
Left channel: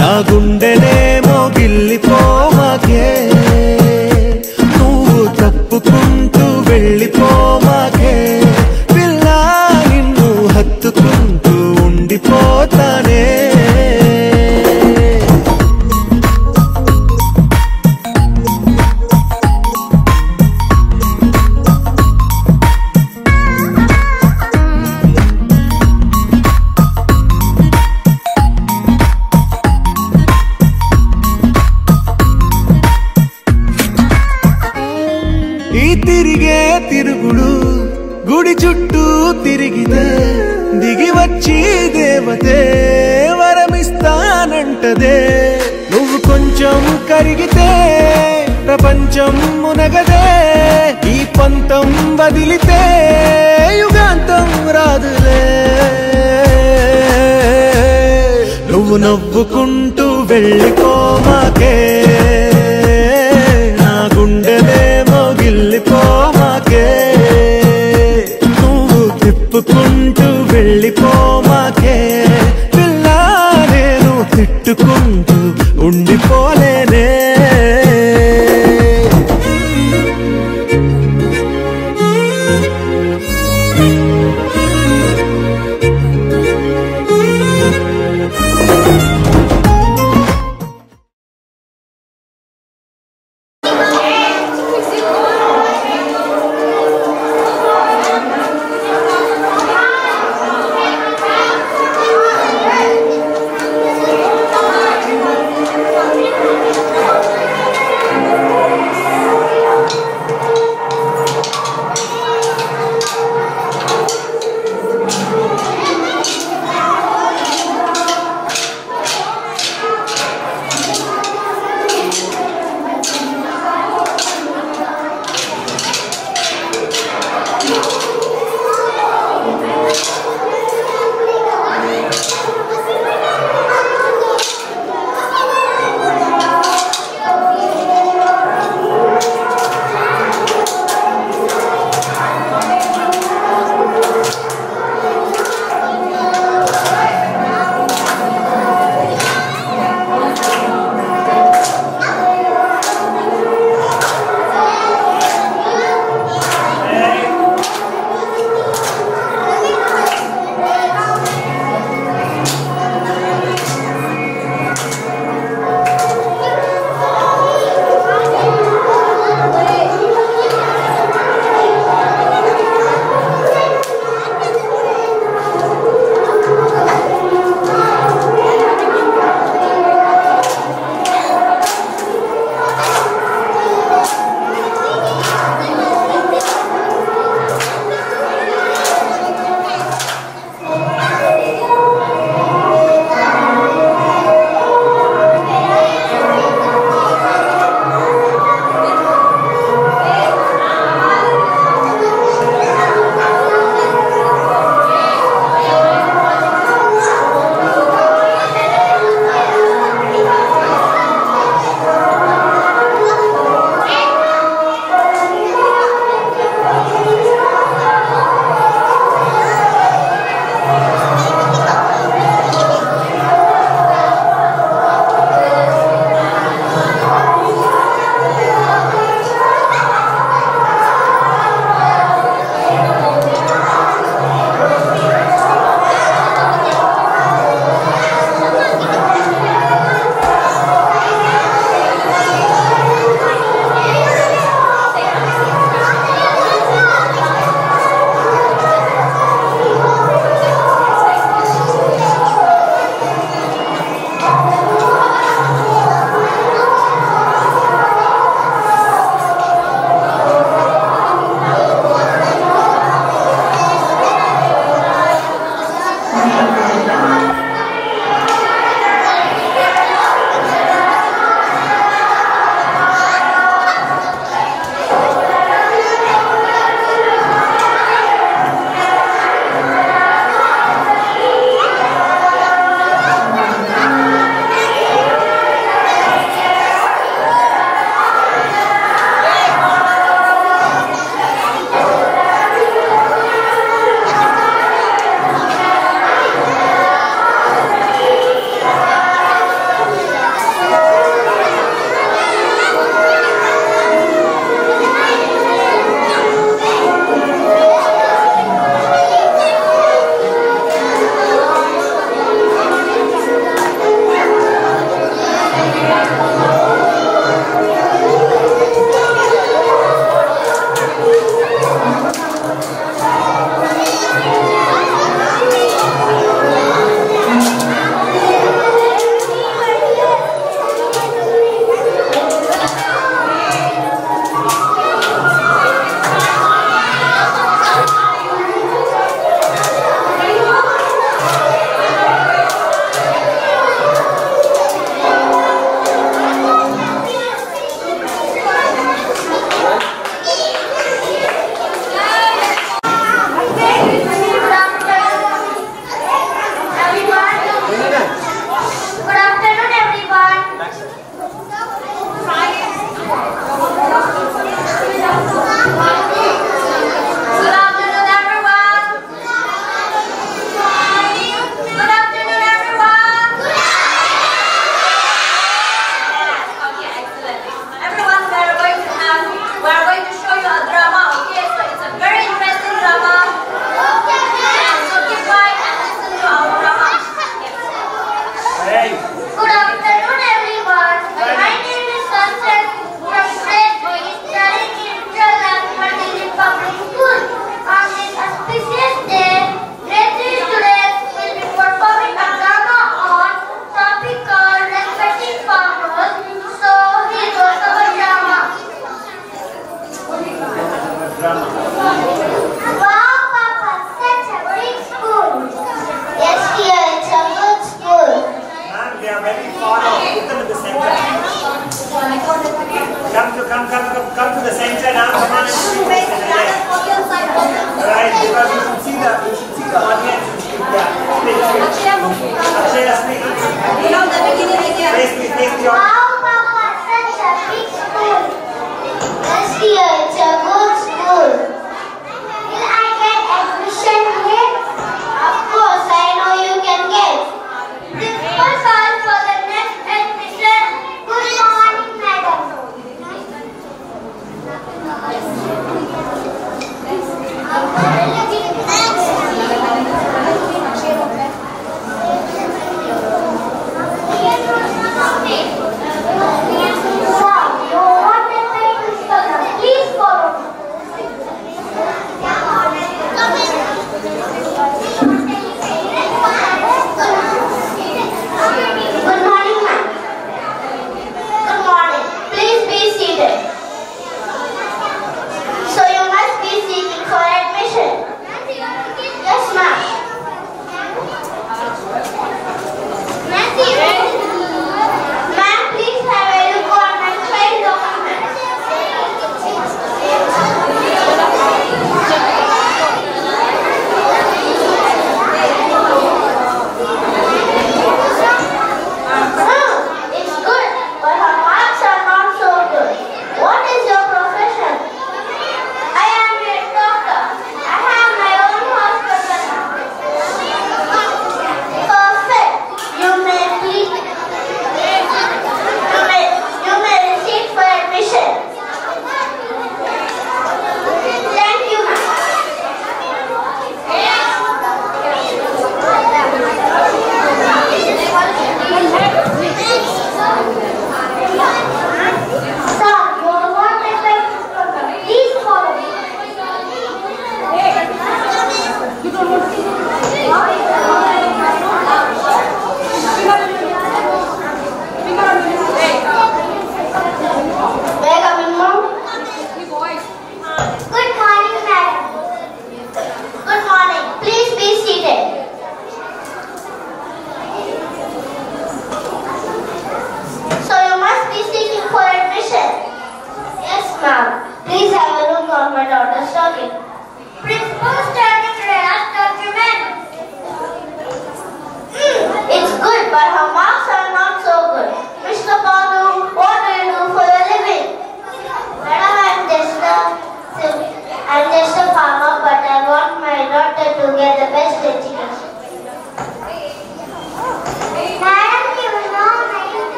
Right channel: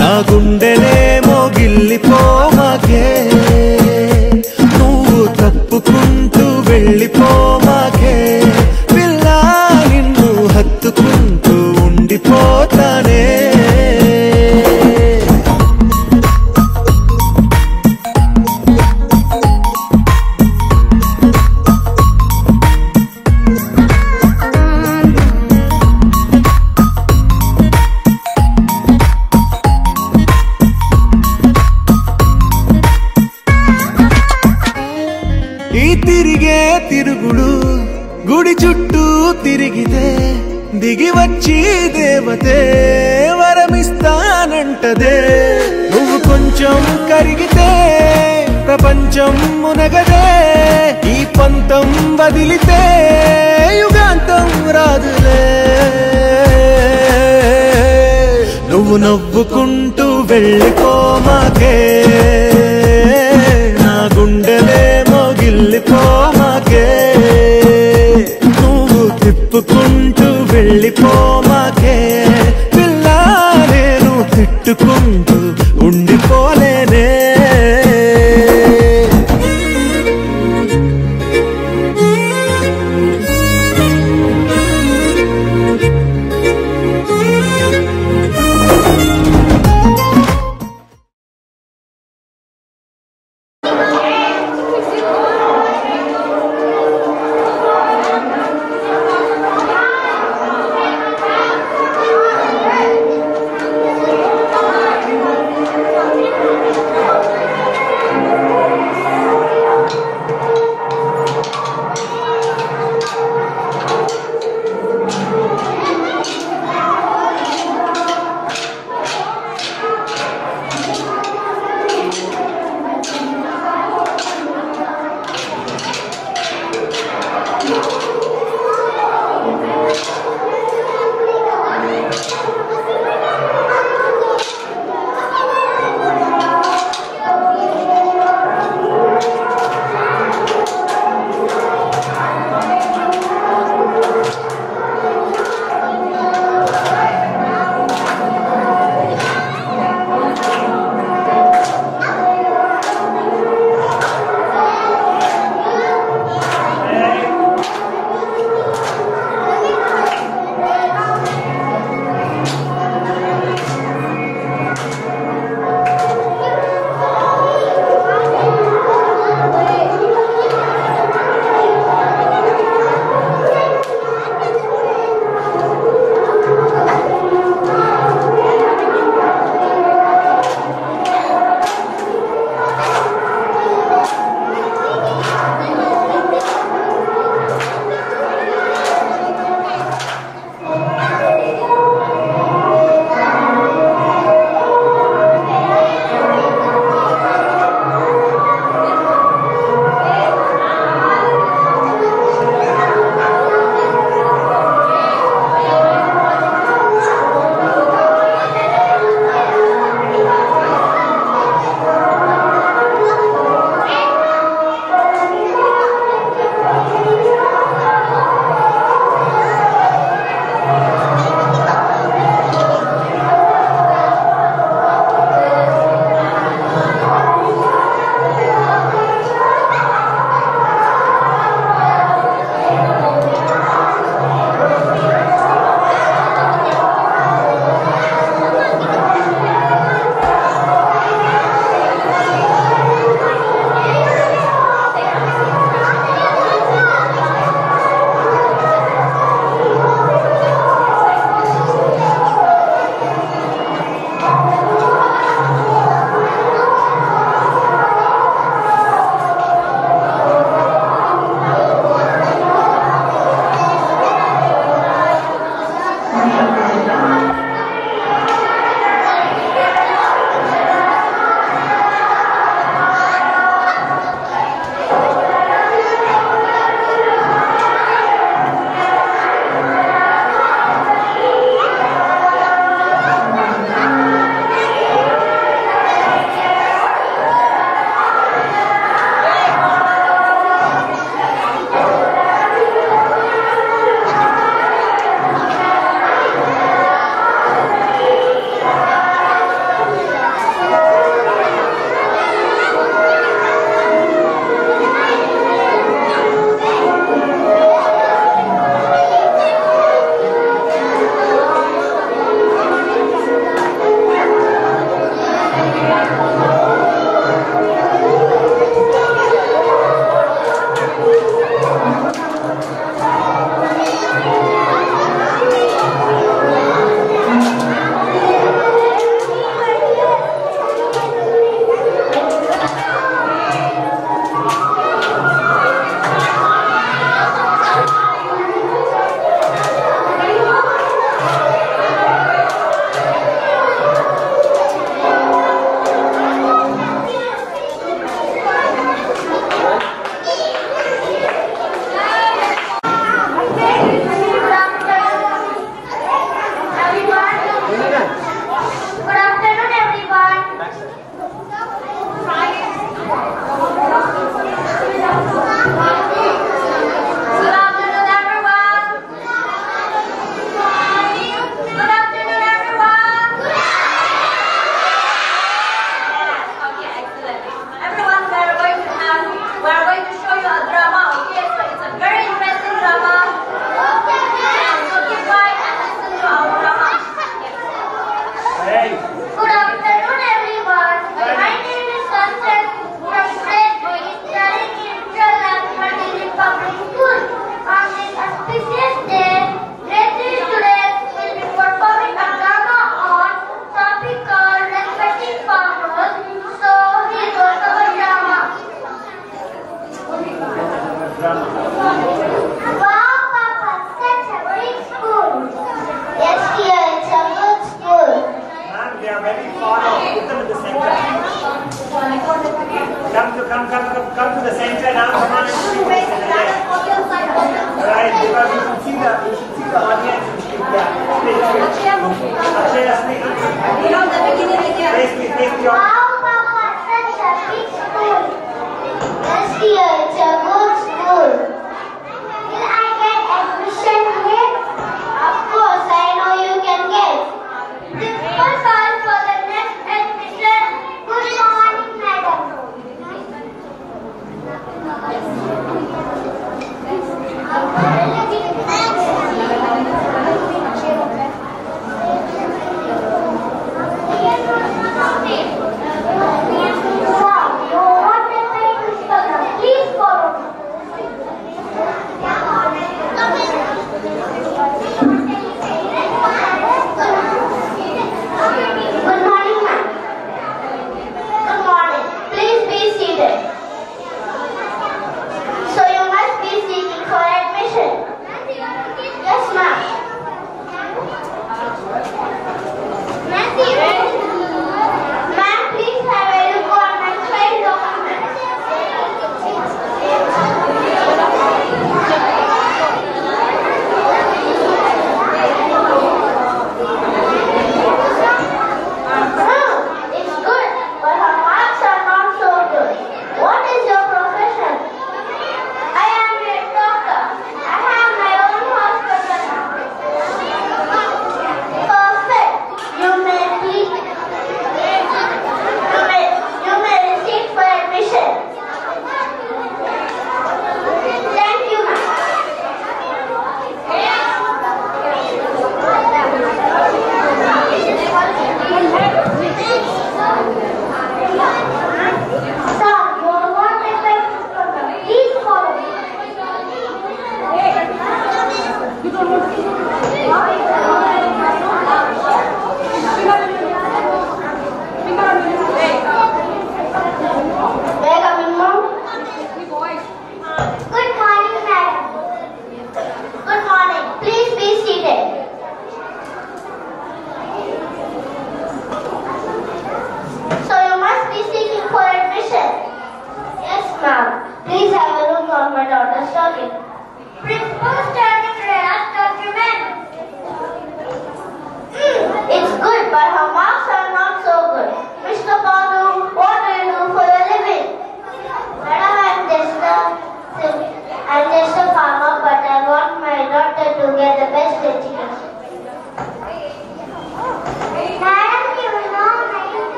నా గుండెనే మోగిల్లిపోమాకే నువ్వు తప్పుకుంటూ వెళ్ళిపోమాకే పిల్ల నిన్ను హత్తుకుంటూ ఉండిపోతానే తిరిగే తిరుగుడు గుడి చుట్టూ తిరిగితే దిగి వచ్చి దేవతే వరమిస్తానంటదే నువ్వు కొంచెం కరిగితే ప్రపంచం మునగదే ఈ పంతం వదిలితే యుగాంతం రాదులే నువ్వు నవ్వుకుంటూ వెళ్ళిపోమాకే నా గుండెనే మోగిల్లిపోమాకే నువ్వు తిప్పుకుంటూ వెళ్ళిపోమాకే పిల్ల నేను తిట్టుకుంటూ ఉండిపోలేనే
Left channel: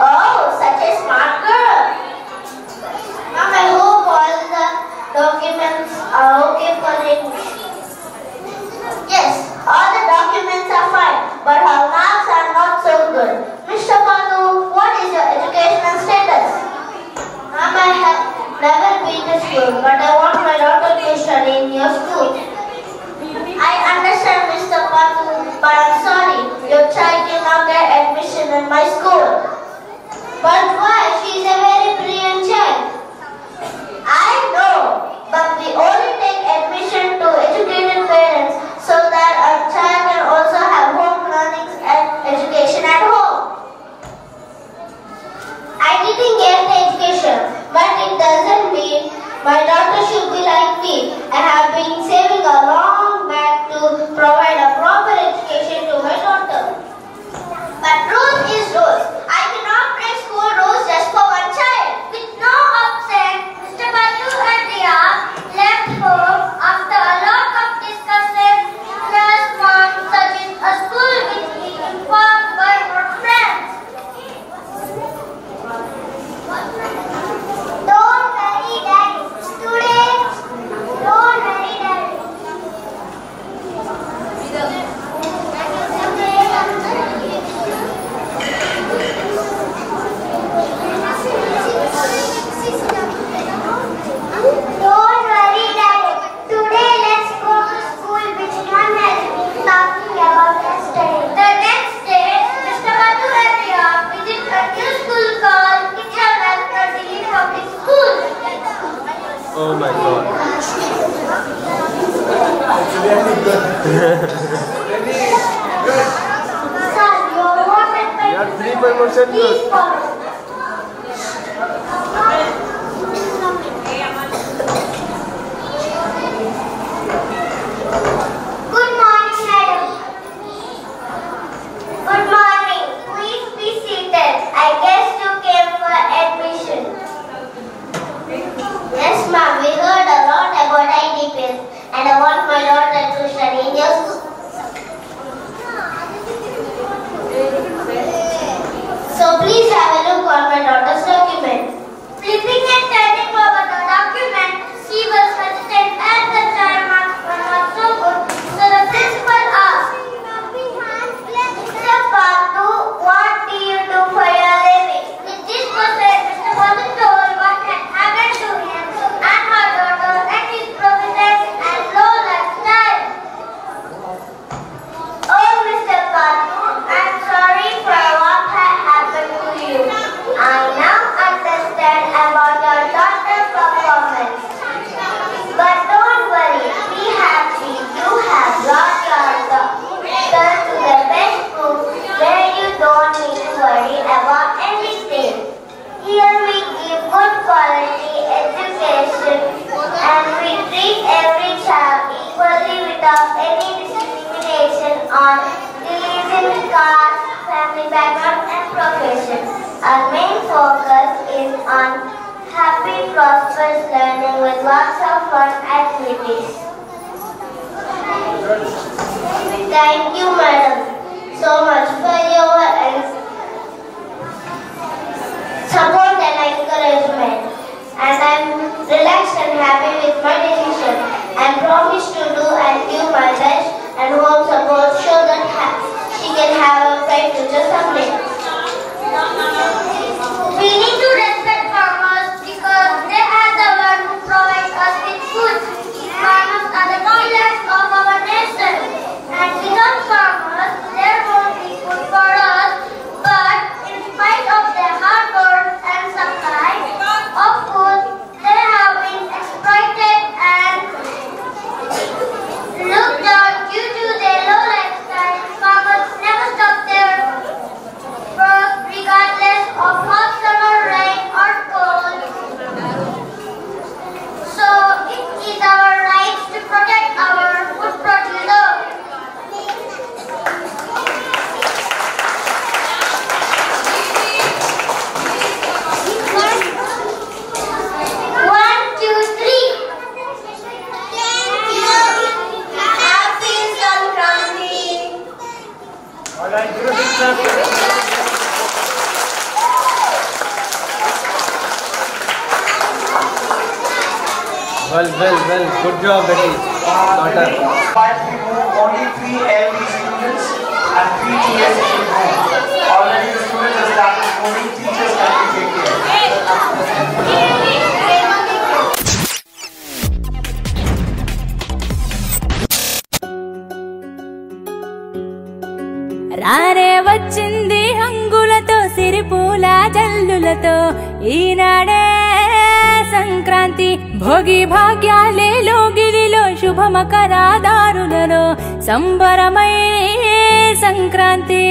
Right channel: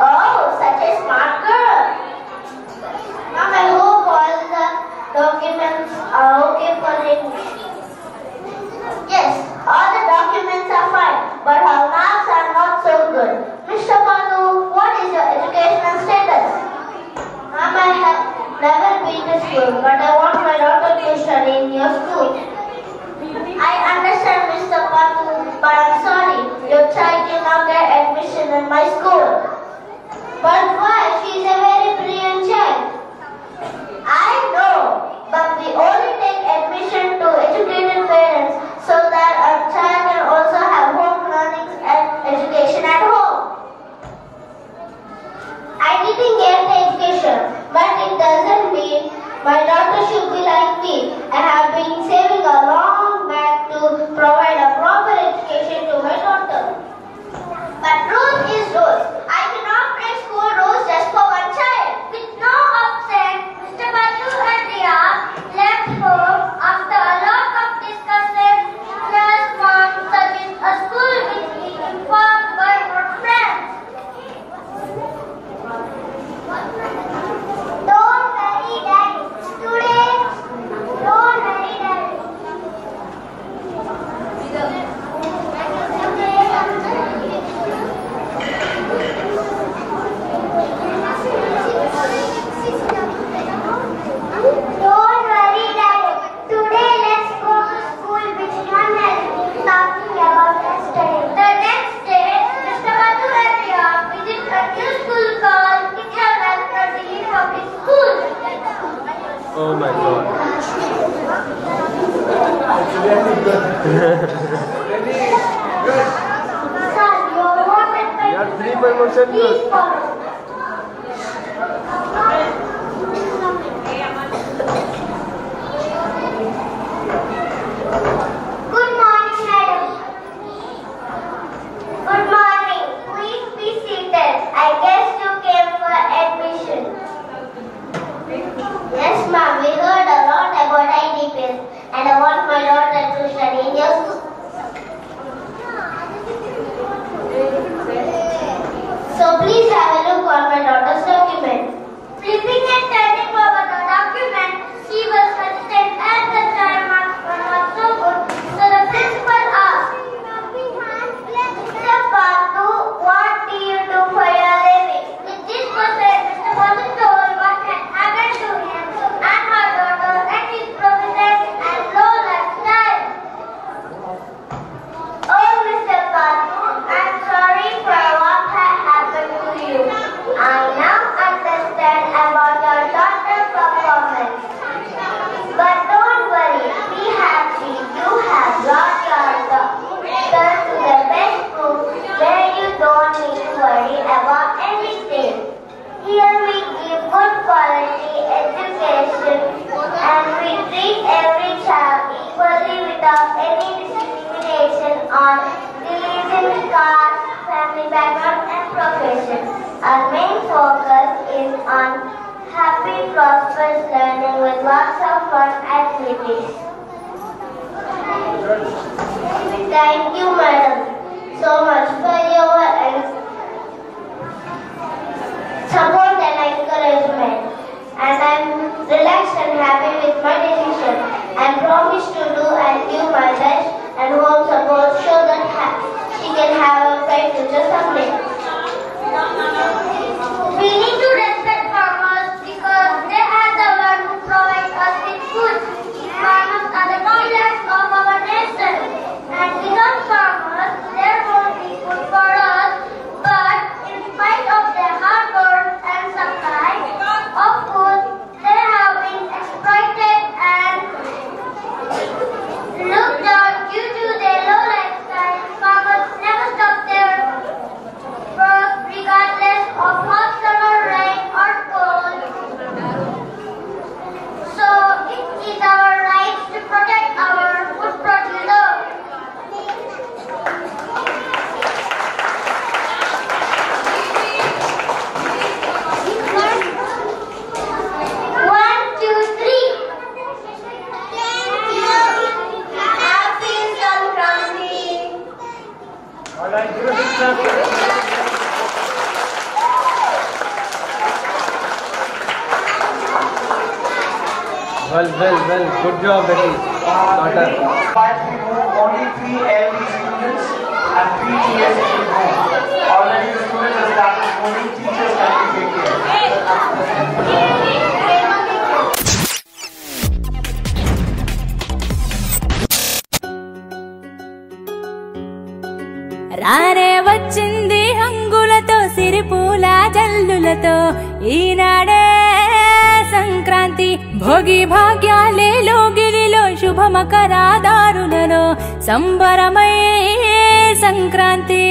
Oh, such a smart girl. school, but I want my daughter to study in your school. I understand, Mr. Patu, but I'm sorry, your child cannot get admission in my school. But why? She's a very brilliant child. I know, but we only take admission to educated parents so that our child can also have home learning and education at home. I didn't get the education, but it doesn't mean my daughter should be like me. I have been saving a long back to provide a proper education to my daughter. But rules is rules. I cannot break school rules just for one child. With no upset, Mr. Batu and Riya left home after a lot of discussion. Plus, mom suggested a school which he informed by her friends. Don't worry, Daddy. Today, don't worry, Daddy. Don't worry, Daddy. Today, let's go to school, which one has been talking about yesterday. The next day, Mr. Batu and Riya visit a new school called Kitchen Public School. Oh my god. Sir, your water pen. You have 3 promotion. Please follow. Good morning, madam. Good morning. Please be seated. I guess you came for admission. Yes, ma'am. We heard a lot about IDPs, and I want my daughter to study in your school. So please have a look on my daughter's document. Flipping and turning over the document, she was hesitant at the time and was so good. So the principal asked, Mr. Patu, what do you do for your living? With this question, Mr. Patu told what had happened to him and her daughter and his providence and low lifestyle. Oh, Mr. Patu, I'm sorry for what had happened to you. I now understand about your daughter's performance. But don't worry, be happy. You have brought your daughter to the best school where you don't need to worry about anything. Here we give good quality education and we treat every child equally without any discrimination on religion, caste, family background and profession. Our main focus is on happy, prosperous learning with lots of fun activities. Thank you, madam, so much for your support and encouragement. And I'm relaxed and happy with my decision. I promise to do and give my best and home support so that she can have a bright future someday. We need to respect farmers because they are the ones who provide us with food. Farmers are the pillars of our nation. And without farmers, there won't be food for us. But in spite of their hard work and supply of food, they have been exploited and looked down due to their low lifestyle. Farmers never stop their work regardless of hot summer, rain or cold. So it is our right to protect our food producer. One, two, three. Thank you. Happy Sankranti. Alright, give a big clap. Well, good job, Betty. Daughter. Only 3 LD students and 3 TS students. Already the students have started moving, teachers can take care. వచ్చింది హంగులతో సిరిపూల జల్లులతో ఈనాడే సంక్రాంతి భోగి భాగ్యాలే లోగిలిలో శుభమకరాదారులలో సంబరమై సంక్రాంతి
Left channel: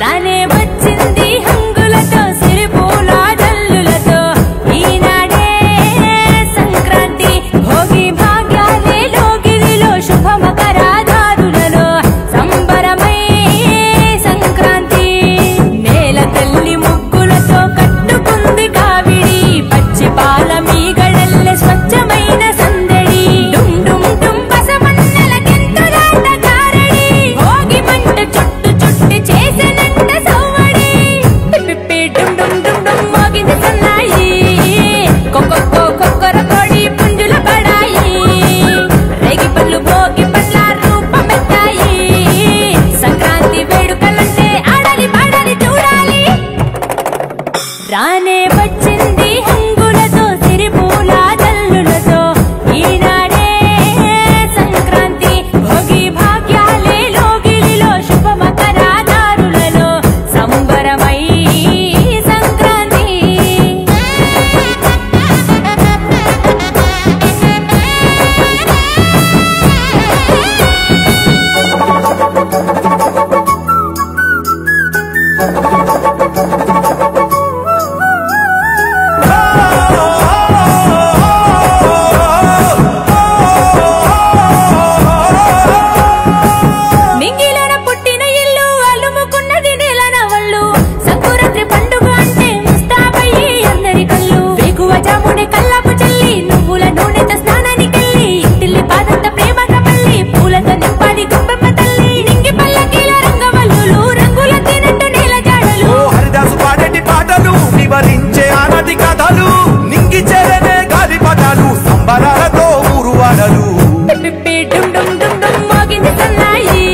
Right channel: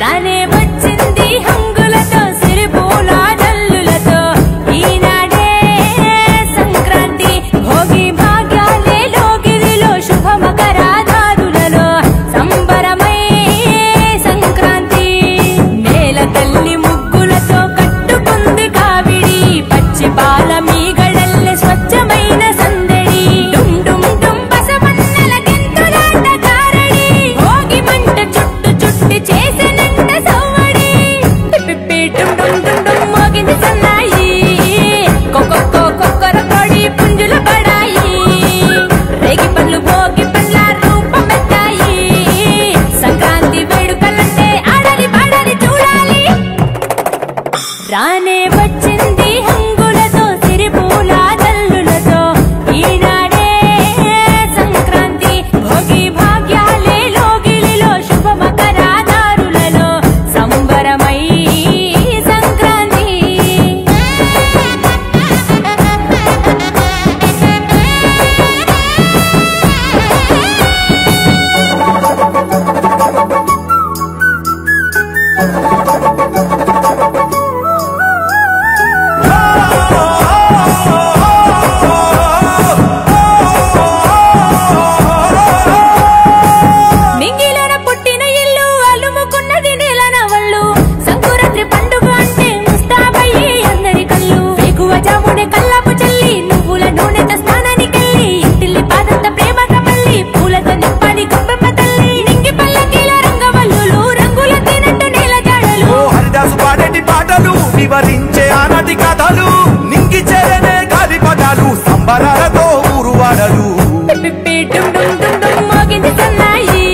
రానే వచ్చింది హంగులతో సిరిపూల జల్లులతో ఈనాడే సంక్రాంతి భోగి భాగ్యాలే లోగిలిలో శుభమకరాదారులలో సంబరమై సంక్రాంతి నేల తల్లి ముగ్గులతో కట్టుకుంది కావిడి పచ్చి పాల మీగడల్లె స్వచ్ఛమైన సందడి డుమ్ డుమ్ డుమ్ బసవన్నల గెంతులాట కారడి భోగి మంట చుట్టు చుట్టి చేసెనంట సవ్వడి పిప్పి డుమ్ డుమ్ డుమ్ డుమ్ మోగింది సన్నాయి కొక్కొక్కో కొక్కర కొడి పుంజుల పడాయి రేగి పళ్ళు భోగి పండ్ల రూపమెత్తాయి సంక్రాంతి వేడుకలంటే ఆడాలి పాడాలి చూడాలి రానే వచ్చింది హంగులతో సిరిపూల జల్లులతో ఈనాడే సంక్రాంతి భోగి భాగ్యాలే లోగిలిలో శుభమకరాదారులలో సంబరమై సంక్రాంతి నింగిలోన పుట్టిన ఇల్లు అలుముకున్నది నేలనవళ్ళు సంకురాత్రి పండుగ అంటే ముస్తాబయ్యి అందరి కళ్ళు వేకువ జామునే కల్లాపు చల్లి నువ్వుల నూనెతో స్నానానికెళ్ళి ఇంటిల్లి పాదంత ప్రేమగా మళ్ళీ పూలతో నింపాలి గొప్పెమ్మ తల్లి నింగి పల్లకీల రంగవల్లులు రంగుల తినట్టు నేల జాడలు హరిదాసు పాడేటి పాటలు వివరించే ఆనాటి కథలు నింగి చెరనే గాలి పటాలు సంబరాలతో ఊరువాడలు పిప్పి డుమ్ డుమ్ డుమ్ డుమ్ మోగింది సన్నాయి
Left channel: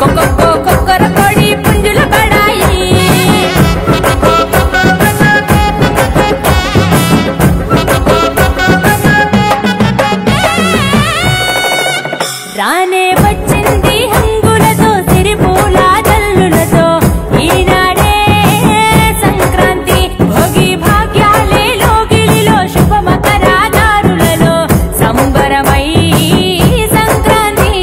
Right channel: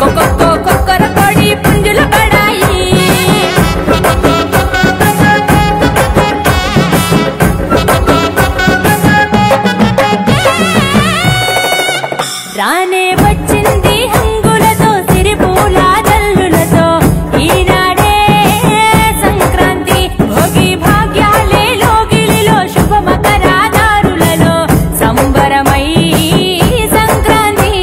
కొక్కొక్కో కొక్కర కొడి పుంజుల పడాయి రానే వచ్చింది హంగులతో సిరిపూల జల్లులతో ఈనాడే సంక్రాంతి భోగి భాగ్యాలే లోగిలిలో శుభమకరాదారులలో సంబరమై సంక్రాంతి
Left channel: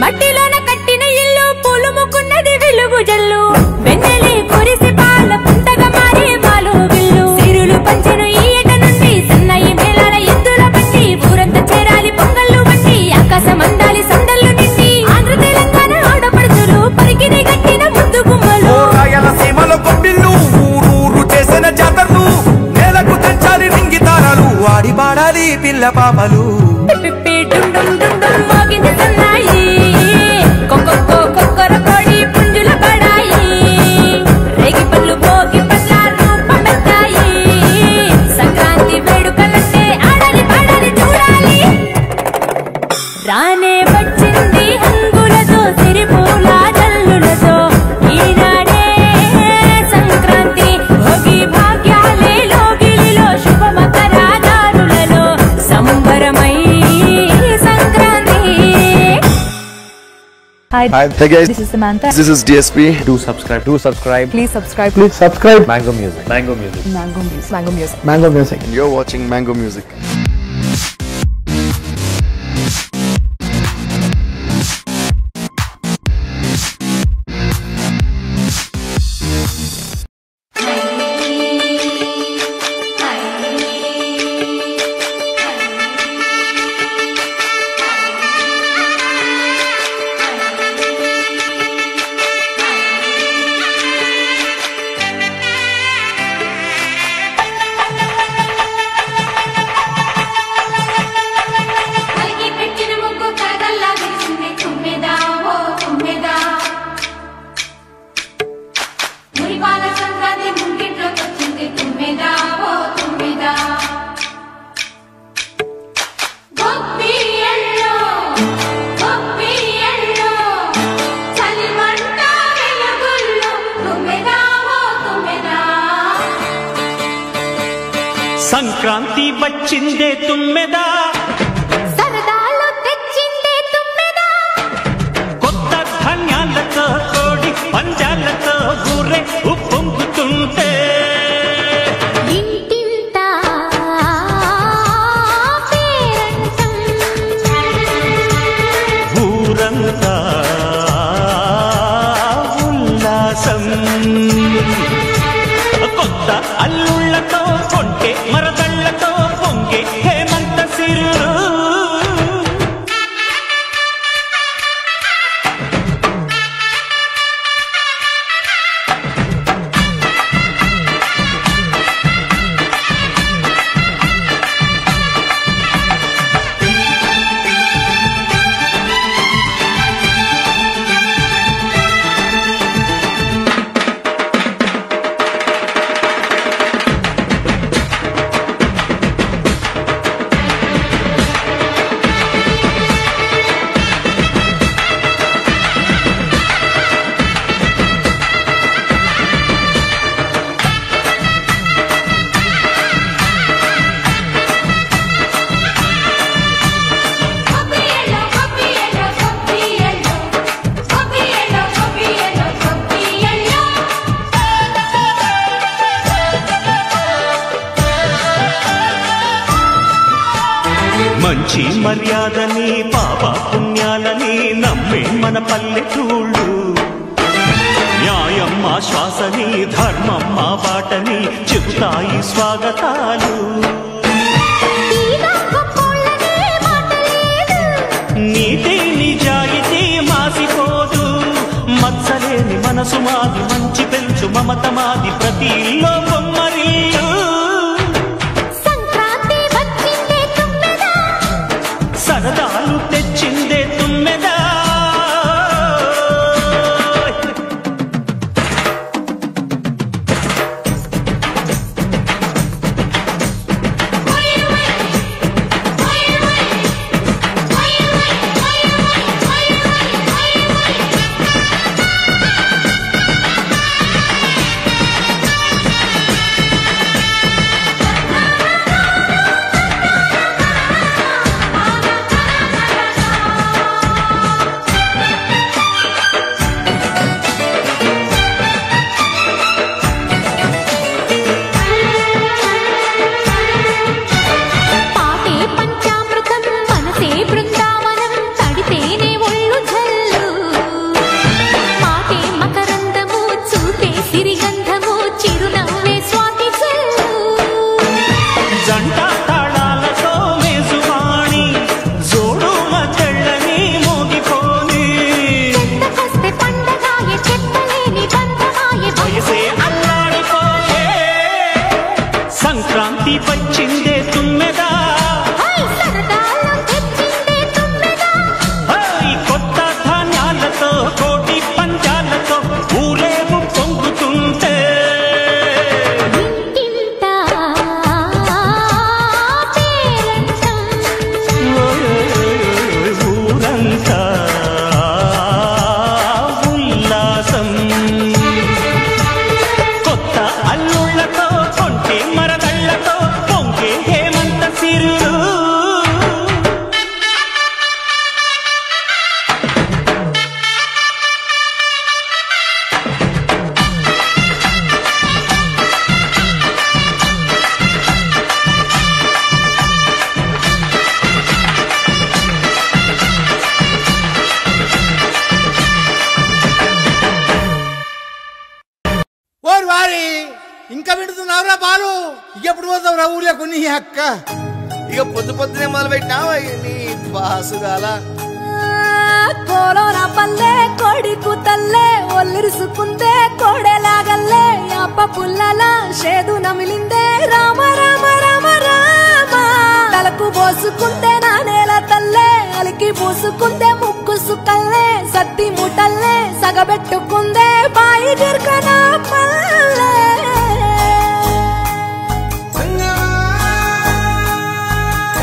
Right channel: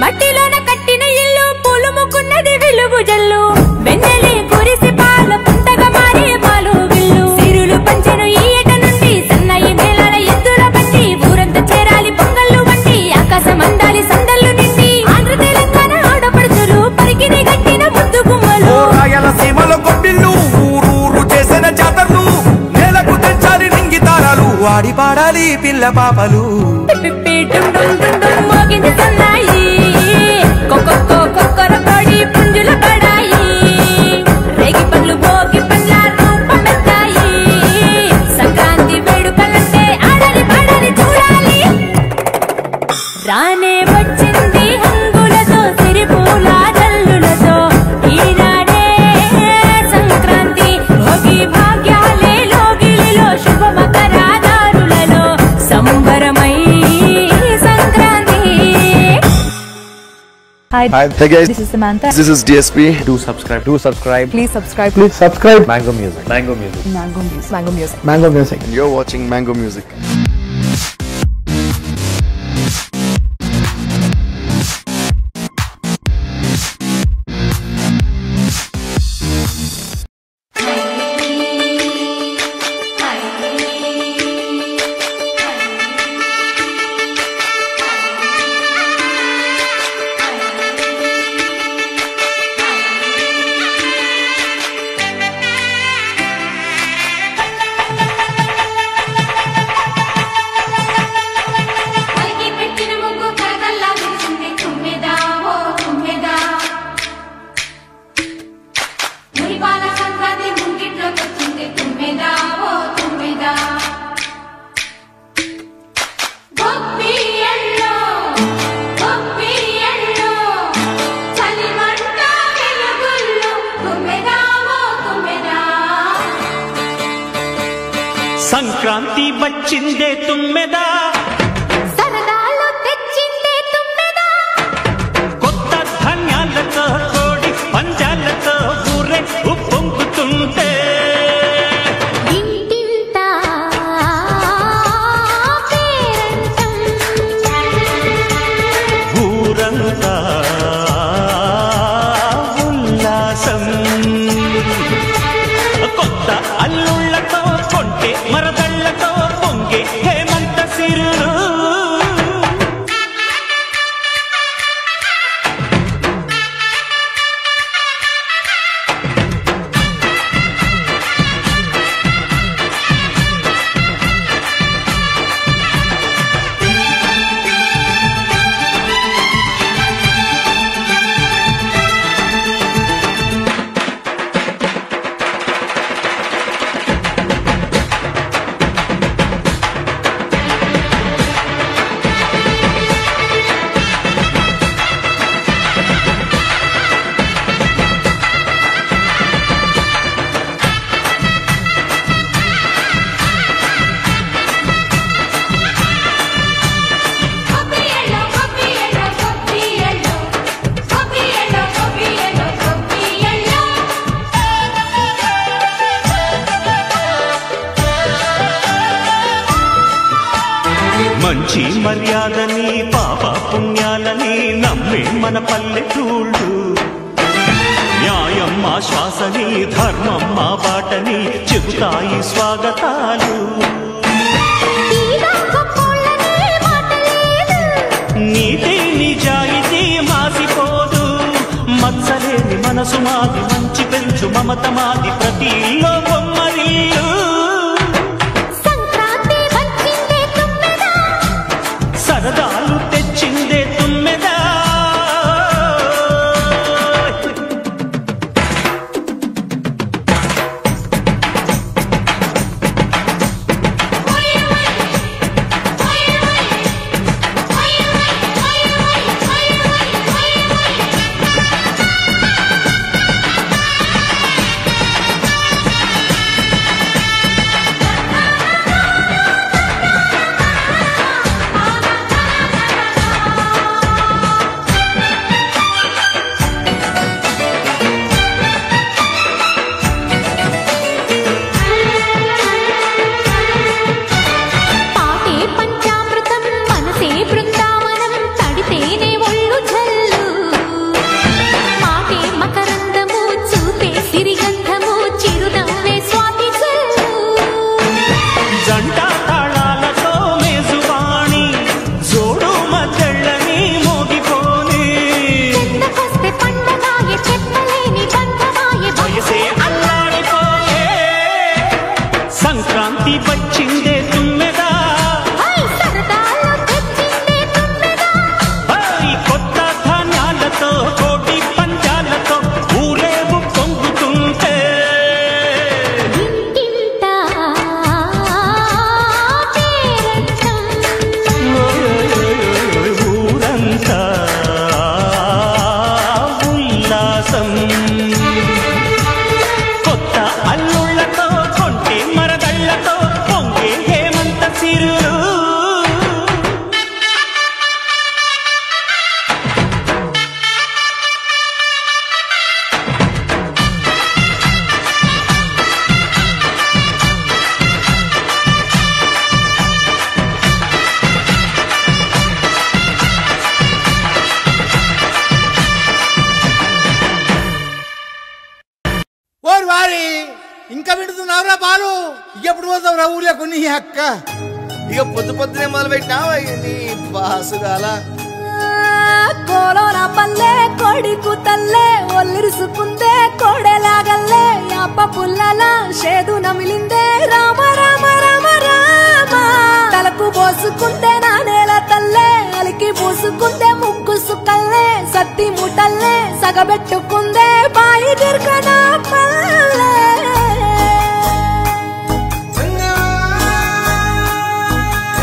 మట్టిలోన కట్టిన ఇల్లు పూలుముకున్నది వెలుగు జల్లు వెన్నెలి కురిసి పాల పుంతగా మారి పాలు గిల్లు సిరులు పంచెను ఈ ఏట నుండి సన్నాయి మేళాల ఎద్దుల బండి ఊరంతా చేరాలి పొంగళ్ళు వండి ఆకాశం అందాలి సందళ్ళు నిండి ఆంధ్ర తెలంగాణ ఆడపడుచులు పరికిని గట్టిన ముద్దు గుమ్మలు రాయలసీమలో గొప్పిళ్ళు ఊరూరు చేసిన జాతరలు నేలకు తెచ్చాలి నింగి తారాలు ఆడి పాడాలి పిల్ల పాపలు పిప్పి డుమ్ డుమ్ డుమ్ డుమ్ మోగింది సన్నాయి కొక్కొక్కో కొక్కర కొడి పుంజుల పడాయి రేగి పళ్ళు భోగి పండ్ల రూపమెత్తాయి సంక్రాంతి వేడుకలంటే ఆడాలి పాడాలి చూడాలి రానే వచ్చింది హంగులతో సిరిపూల జల్లులతో ఈనాడే Sankranti Bhogi భాగ్యాలే లోగిలిలో శుభమకరాదారులలో సంబరమై Sankranti Hi guys, this is Samantha. This is DSP. Do subscribe. Please subscribe. Please subscribe. Mango Music. Mango Music. Mango Music. Mango Music. Mango Music. And you're watching Mango Music. Sankranti వచ్చిందే తుమ్మెదా సరదాలు తెచ్చిందే తుమ్మెదా కొత్త ధాన్యాలతో కోడి పంజాలతో ఊరే ఉప్పొంగుతుంటే ఇంటింటా పేరంటం ఊరంతా ఉల్లాసం కొత్త అల్లుళ్లతో కొంటే మరదళ్లతో పొంగే హేమంత సిరులు మంచి మర్యాదని పాప పుణ్యాలని నమ్మే మన పల్లెటూళ్ళు న్యాయం మా శ్వాసని ధర్మం మా బాటని చెబుతాయి స్వాగతాలు నీతి నిజాయితీ మాసిపోదు మత్సలేని మనసు మాది మంచి పెంచు మమత మాది ప్రతి ఇల్లో బొమ్మరిల్లు సరదాలు తెచ్చిందే తుమ్మెదా జంట తాళాలతో మేజువాణి జోడు మద్దళ్ళని మోగిపోని వయసే అల్లాడిపోయే సంక్రాంతి వచ్చిందే తుమ్మెదా కొత్త ధాన్యాలతో కోటి పంజాలతో ఊరేగు పొంగుతుంటే ఊరంతా ఉల్లాసం కొత్త అల్లుళ్లతో కొంటే మరదళ్లతో పొంగే హేమంత సిరులు ఇంకా వింటున్నావురా బాలు ఎప్పుడు పోతావురా ఊళ్ళో కొన్ని అక్క ఇక పొద్దు పొద్దునే మొదలు పెట్టినావా నీ బాసుగాల కోలోన పల్లె కోడి కూతల్లే ఒల్లిరుసుకుందే కోడెలాగల్లే యాప పుల్లల షేదు నమిలిందే రామ రామ రామ రామ తలకు పోసుకుందే నా నేల తల్లే అలికి పూసుకుందే ముగ్గు సుక్కల్లే సద్ది ముటల్లే సగబెట్టుకుందే బాయి దిర్గన పల్లె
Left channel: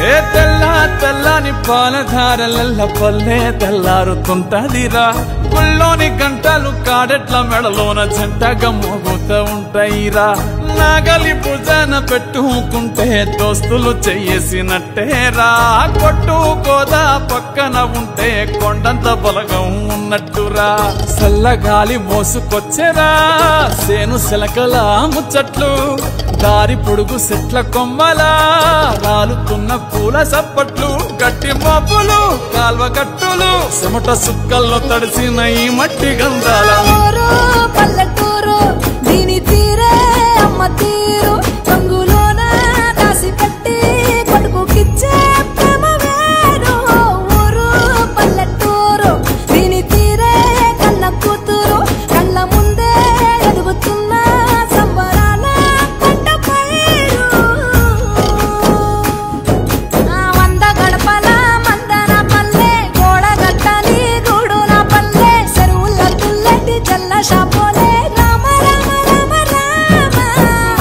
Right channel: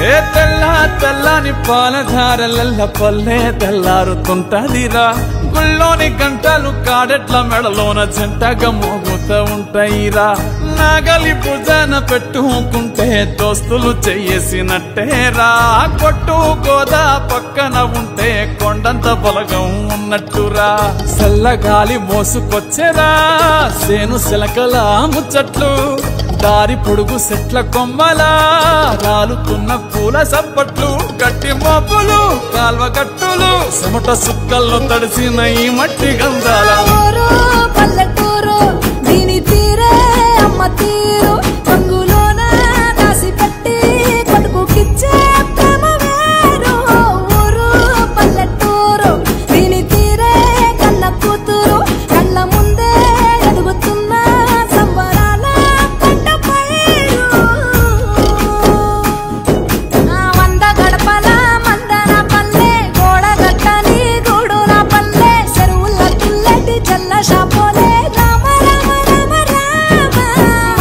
ఏ తెల్లని పాలధారలల్ల పల్లె తెల్లారుతుంటదిరా గుళ్ళోని గంటలు కాడెట్ల మెడలోన జంటగా మోగుతూ ఉంటాయిరా నాగలి భుజాన పెట్టుకుంటే దోస్తులు చెయ్యేసినట్టేరా కొట్టు గోదా పక్కన ఉంటే కొండంత బలగం ఉన్నట్టురా చల్లగాలి మోసుకొచ్చేరా సేను శిలకల ముచ్చట్లు దారి పొడుగు సెట్ల కొమ్మలా రాలుతున్న పూల సప్పట్లు గట్టి మోపులు కాల్వ గట్టులు చెమట సుక్కల్లో తడిసిన ఈ మట్టి గంధాల పల్లెటూరు దీని తీరే అమ్మ తీరు కొంగులోన దాసి పెట్టి కొడుకుకిచ్చే ప్రేమ వేరు ఊరు పల్లెటూరు దీని తీరే కన్న కూతురు కళ్ళ ముందే ఎదుగుతున్న సంబరాల పంట పైరు వంద గడపల మందన పల్లె గోడ గట్టని గూడున పల్లె చెరువుల తుల్లటి జల్ల షాపోలే రామ రామ రామ రామ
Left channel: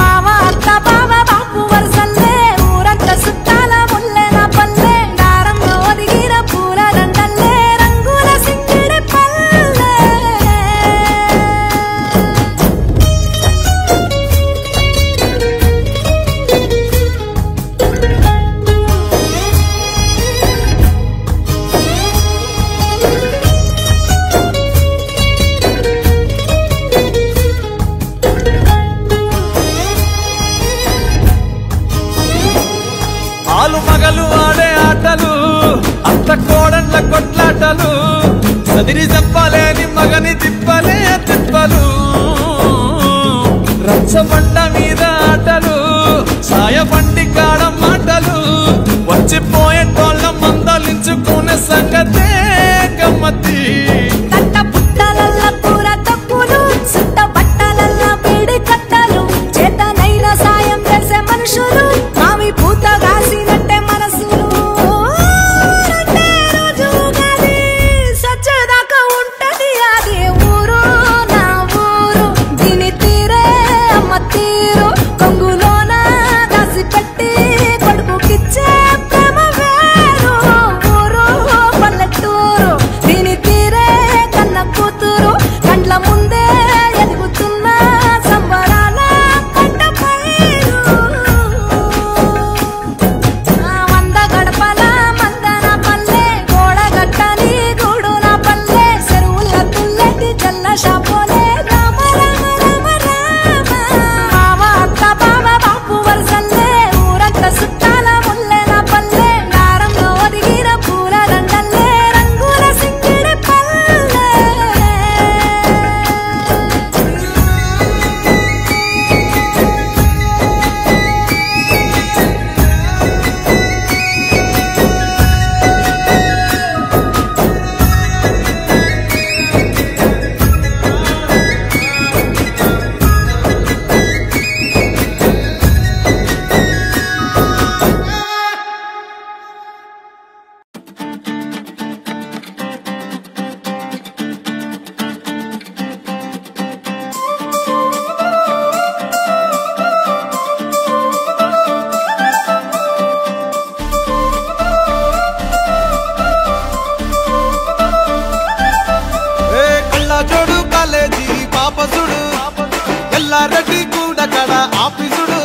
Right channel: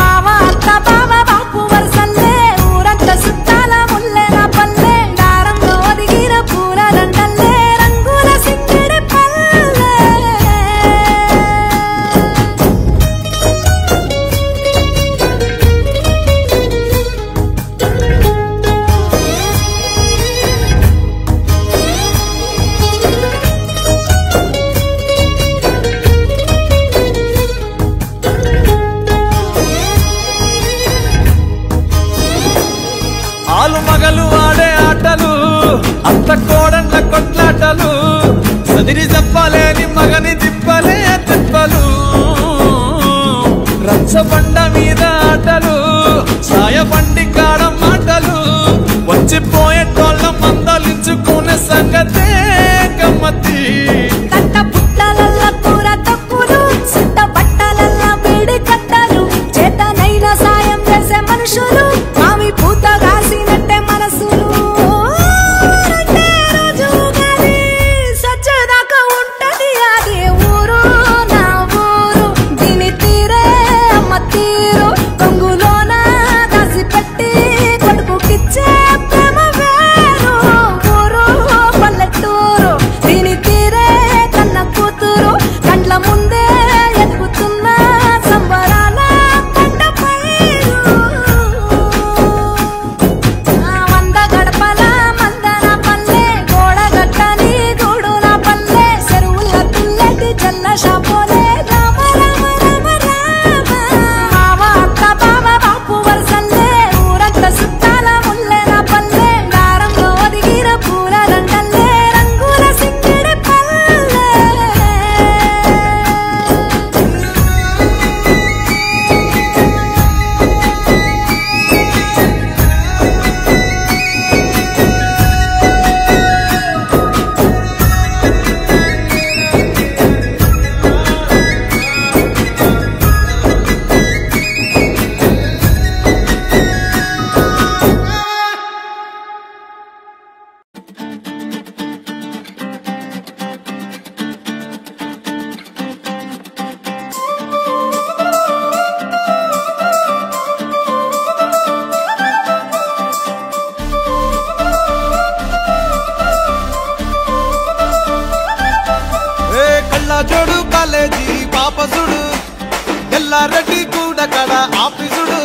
మావ అత్త బావ బాపు వరసల్లే ఊరంత సుట్టాల ముల్లెన పల్లె దారంలో ఒదిగిన పూల దండల్లే రంగుల సింగిడి పల్లె ఆలు మగలు ఆడే ఆటలు అత్త కోడళ్ళ కొట్లాటలు సదిరి చెప్పలేని మగని తిప్పలే తిప్పలు రచ్చబండ మీద ఆటలు సాయబండి కాడ మాటలు వచ్చిపోయేటోళ్ళ మందలించుకునే సంగతే గమ్మతి తట్ట పుట్టలల్ల కూర తప్పులు సుట్ట బట్టలల్ల వేడి కట్టలు చేతనైన సాయం చేసే మనుషులు మావి పూత కాసినట్టే మనసులు రండే రోజు ఉగాది సచ్చేదాకా ఉంటది అది ఊరు నా ఊరు దీని తీరే అమ్మ తీరు కొంగులోన దాసి పెట్టి కొడుకుకిచ్చే ప్రేమ వేరు ఊరు పల్లెటూరు దీని తీరే కన్న కూతురు కండ్ల ముందే ఎదుగుతున్న సంబరాల పంట పైరు వంద గడపల మందన పల్లె గోడ గట్టని గూడున పల్లె చెరువుల తుల్లటి జల్ల షాపోలే రామ రామ రామ రామ మావ అత్త బావ బాపు వరసల్లే ఊరంత సుట్టాల ముల్లెన పల్లె దారంలో ఒదిగిన పూల దండల్లే రంగుల సింగిడి పల్లె జోడు కాలేజీ పాపసుడు ఎల్లారెడ్డి గూడ కడ ఆఫీసుడు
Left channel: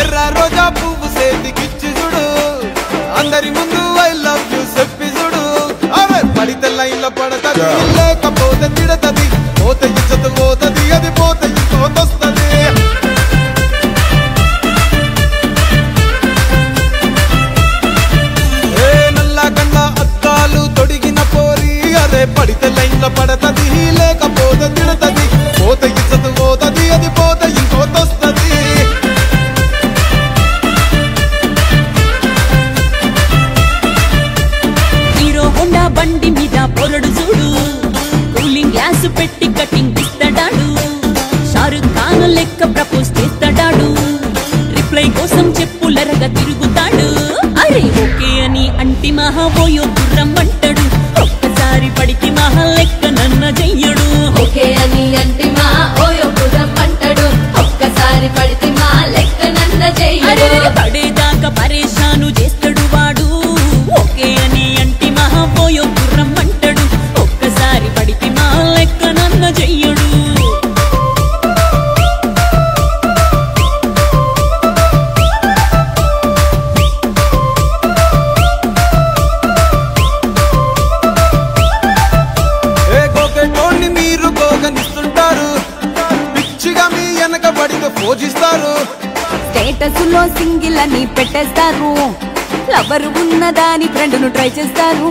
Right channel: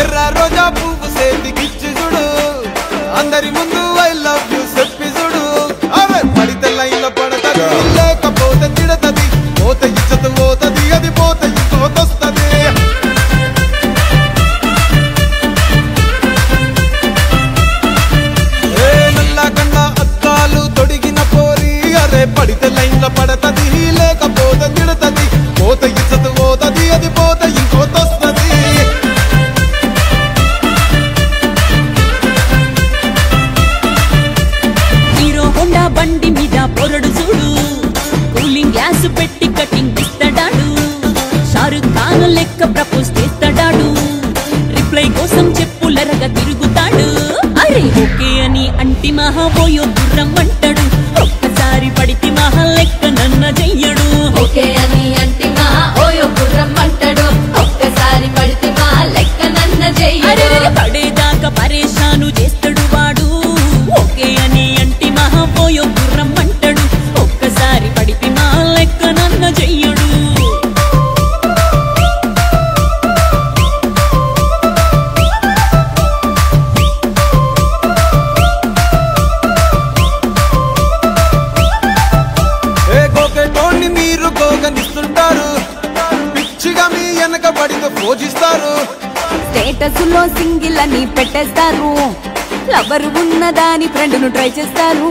ఎర్ర రోజా పువ్వు సేతికిచ్చి చూడు అందరి ముందు ఐ లవ్ యూ చెప్పి చూడు అవే పడితే లైన్లో పడతది లేకపోతే తిడతది పోత ఇచ్చత పోతది అది పోత ఇంకోతొస్తది నల్ల కన్న అద్దాలు తొడిగిన పోరి అరే పడితే లైన్లో పడతది లేకపోతే తిడతది పోత ఇచ్చత పోతది అది పోత ఇంకోతొస్తది హీరో హోండా బండి మీద పొరడు చూడు కూలింగ్ గ్లాస్ పెట్టి కటింగ్ ఇస్తాడాడు షారుఖ్ ఖాన్ లెక్క ప్రపోజ్ చేస్తాడాడు రిప్లై కోసం చెప్పులరగా తిరుగుతాడు అరే ఓకే అని అంటి మహా పోయో గుర్రం అంటాడు ఒక్కసారి పడితే మహా లెక్క నన్న చెయ్యడు ఓకే అని అంటే మా ఓయో గుర్రం అంటాడు ఒక్కసారి పడితే మా లెక్క నన్న చెయ్యడు పడేదాకా పరేషాను చేస్తాడు వెనకబడితే పూజిస్తారు. స్టేటస్ లో సింగిల్ అని పెట్టేస్తారు. లవరు ఉన్నదాని ఫ్రెండ్ ను ట్రై చేస్తారు.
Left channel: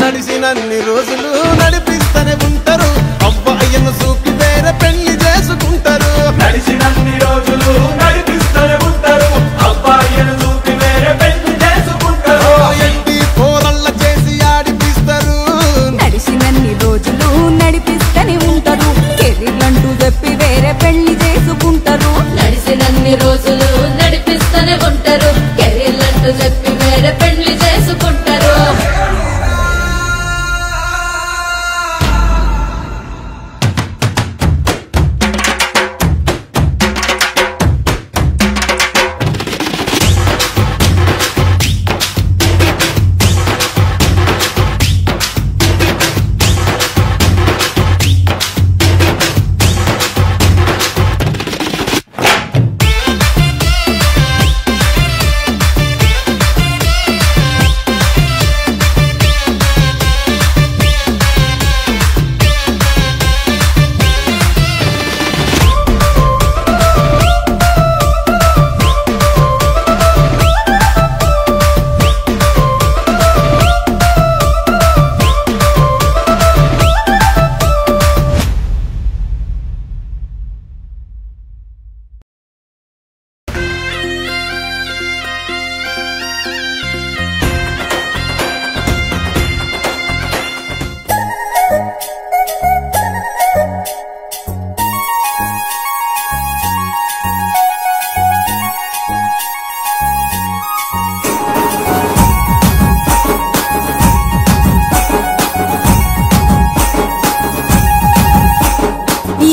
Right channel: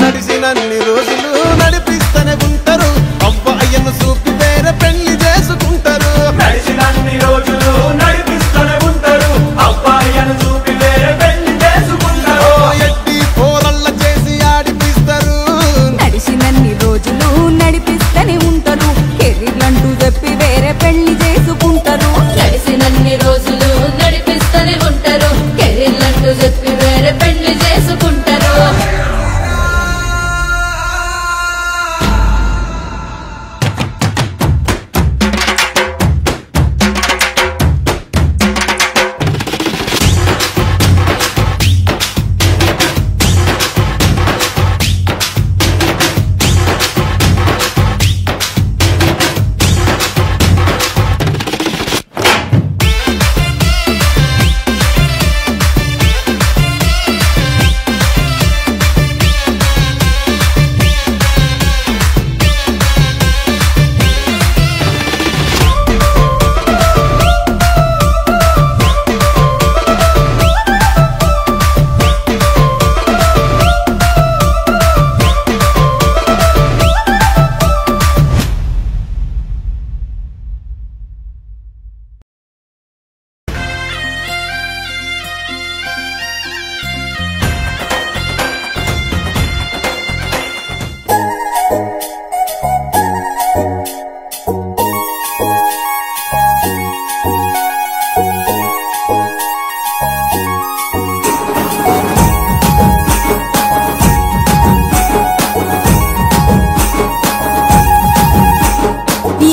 నడిచినన్ని రోజులు నడిపిస్తూనే ఉంటారు. అవ్వ అయ్యను చూపి వేరే పెళ్లి చేసుకుంటారు. నడిచినన్ని రోజులు నడిపిస్తూనే ఉంటారు. అవ్వ అయ్యను చూపి వేరే పెళ్లి చేసుకుంటారు. ఎట్టి పోరల్ల చేసి ఆడిపిస్తారు. నడిచినన్ని రోజులు నడిపిస్తూనే ఉంటారు. కెరీర్లంటూ చెప్పి వేరే పెళ్లి చేసుకుంటారు. నడిచినన్ని రోజులు నడిపిస్తూనే ఉంటారు. కెరీర్లంటూ చెప్పి వేరే పెళ్లి చేసుకుంటారు.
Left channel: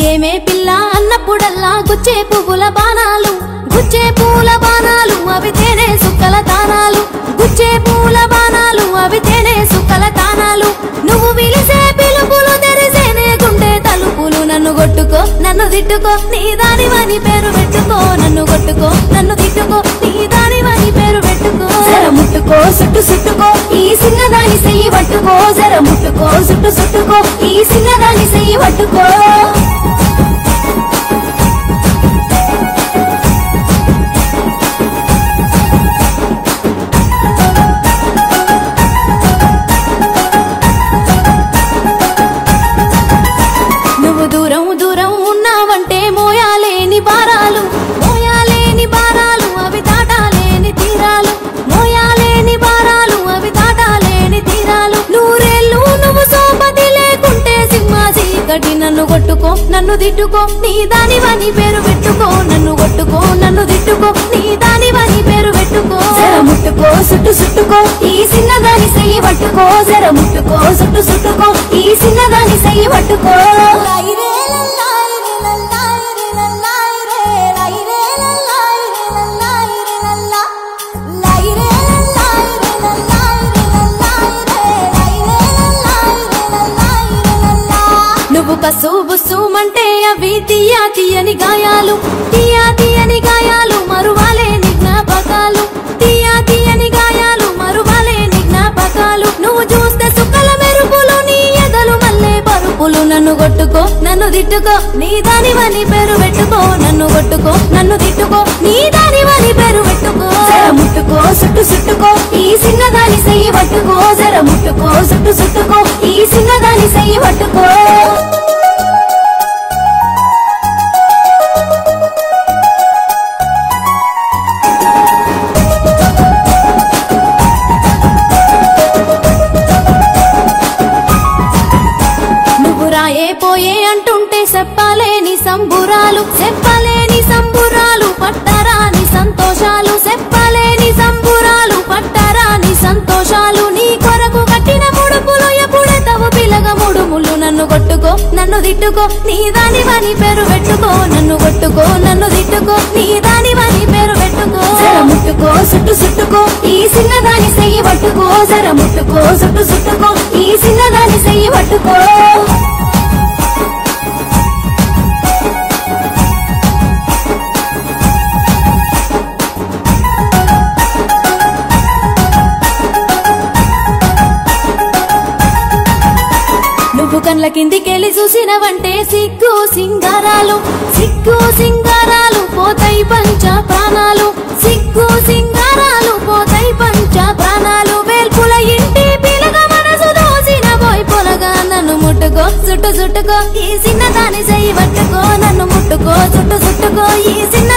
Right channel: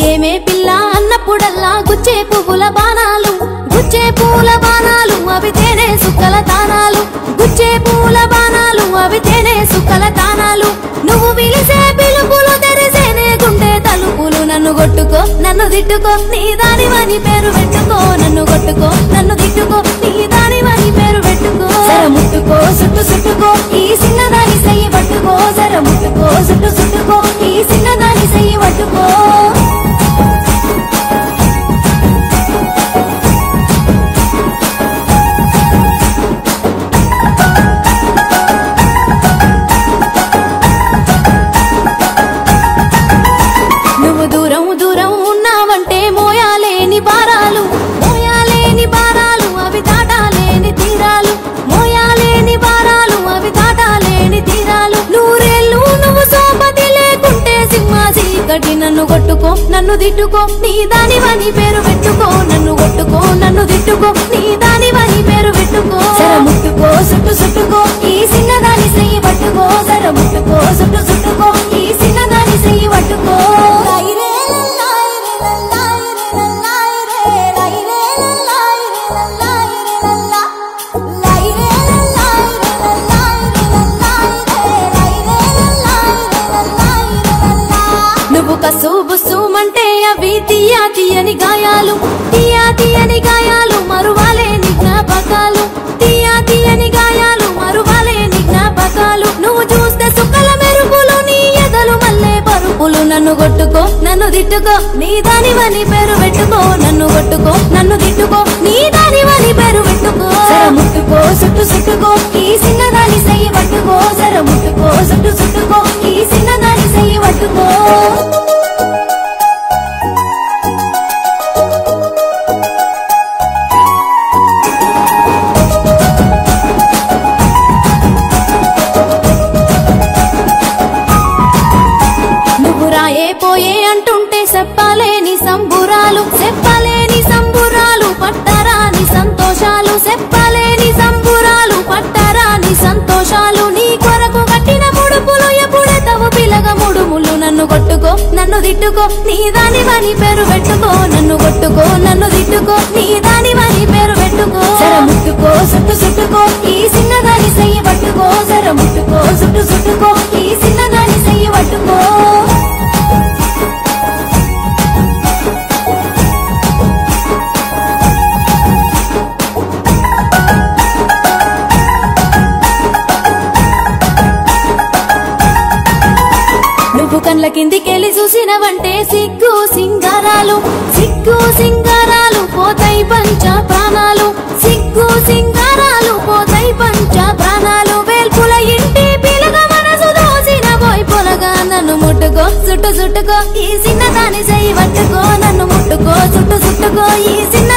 ఏమే పిల్ల అన్నప్పుడల్లా గుచ్చే పువ్వుల బాణాలు, గుచ్చే పూల బాణాలు అవి తేనె సుక్కల తానాలు, గుచ్చే పూల బాణాలు అవి తేనె సుక్కల తానాలు. నువ్వు పిలిసే పిలుపులు తెరిసేనే గుండె తలుపులు. నన్ను కొట్టుకో నన్ను తిట్టుకో నీ దానివని పేరు పెట్టుకో. నన్ను కొట్టుకో నన్ను తిట్టుకో నీ దానివని పేరు పెట్టుకో. ముట్టుకో సుట్టు సుట్టుకో ఈ సింగనాని చెయ్యి పట్టుకో. జర ముట్టుకో సుట్టు సుట్టుకో ఈ సింగనాని చెయ్యి పట్టుకో. నువ్వు దూరం దూరం ఉన్నావంటే మోయాలేని భారాలు, మోయాలేని భారాలు అవి దాటాలేని తీరాలు, మోయాలేని భారాలు అవి దాటాలేని తీరాలు. నూరేళ్ళు నువ్వు సోపతి లేకుంటే సింహ చీకటి. నన్ను కొట్టుకో నన్ను తిట్టుకో నీ దానివని పేరు పెట్టుకో. నన్ను కొట్టుకో నన్ను తిట్టుకో నీ దానివని పేరు పెట్టుకో. ముట్టుకో సుట్టు సుట్టుకో ఈ సింగనాని చెయ్యి పట్టుకో. జర ముట్టుకో సుట్టు సుట్టుకో ఈ సింగనాని చెయ్యి పట్టుకో. నువ్వు కసు బుస్సుమంటే అవి తీయా తీయని గాయాలు, తీయా తీయని గాయాలు మరువాలేని జ్ఞాపకాలు, తీయా తీయని గాయాలు మరువాలేని జ్ఞాపకాలు. నువ్వు చూస్తే సుక్కల మెరుపులు నీ ఎదలు మల్లే పరుపులు. నన్ను కొట్టుకో నన్ను తిట్టుకో నీ దానివని పేరు పెట్టుకో. నన్ను కొట్టుకో నన్ను తిట్టుకో నీ దానివని పేరు పెట్టుకో. ముట్టుకో సుట్టు సుట్టుకో ఈ సింగనాని చెయ్యి పట్టుకో. జర ముట్టుకో సుట్టు సుట్టుకో ఈ సింగనాని చెయ్యి పట్టుకో. నువ్వు రాయే పోయే అంటుంటే చెప్పలేని సంబురాలు, చెప్పలేని సంబురాలు పట్టరాని సంతోషాలు, చెప్పలేని సంబురాలు పట్టరాని సంతోషాలు. నీ కొరకు కట్టిన ముడుపులు ఎప్పుడెతవు పిలగ ముడుములు. నన్ను కొట్టుకో నన్ను తిట్టుకో నీ దానివని పేరు పెట్టుకో. నన్ను కొట్టుకో నన్ను తిట్టుకో నీ దానివని పేరు పెట్టుకో. ముట్టుకో సుట్టు సుట్టుకో ఈ సింగనాని చెయ్యి పట్టుకో. జర ముట్టుకో సుట్టు సుట్టుకో ఈ సింగనాని చెయ్యి పట్టుకో. నువ్వు కండ్ల కిందికెళ్ళి చూసినవంటే సిగ్గు సింగారాలు సిగ్గు సింగారాలు పోతాయి పంచ ప్రాణాలు సిగ్గు సింగారాలు పోతాయి పంచ ప్రాణాలు వేల్పుల ఇంటి పిలగ మనసు దోసిన పోయి పొలగా నన్ను ముట్టుకో చుట్టు చుట్టుకో ఈ చిన్నదాని చెయ్యి పట్టుకో నన్ను ముట్టుకో చుట్టు చుట్టుకో ఈ చిన్న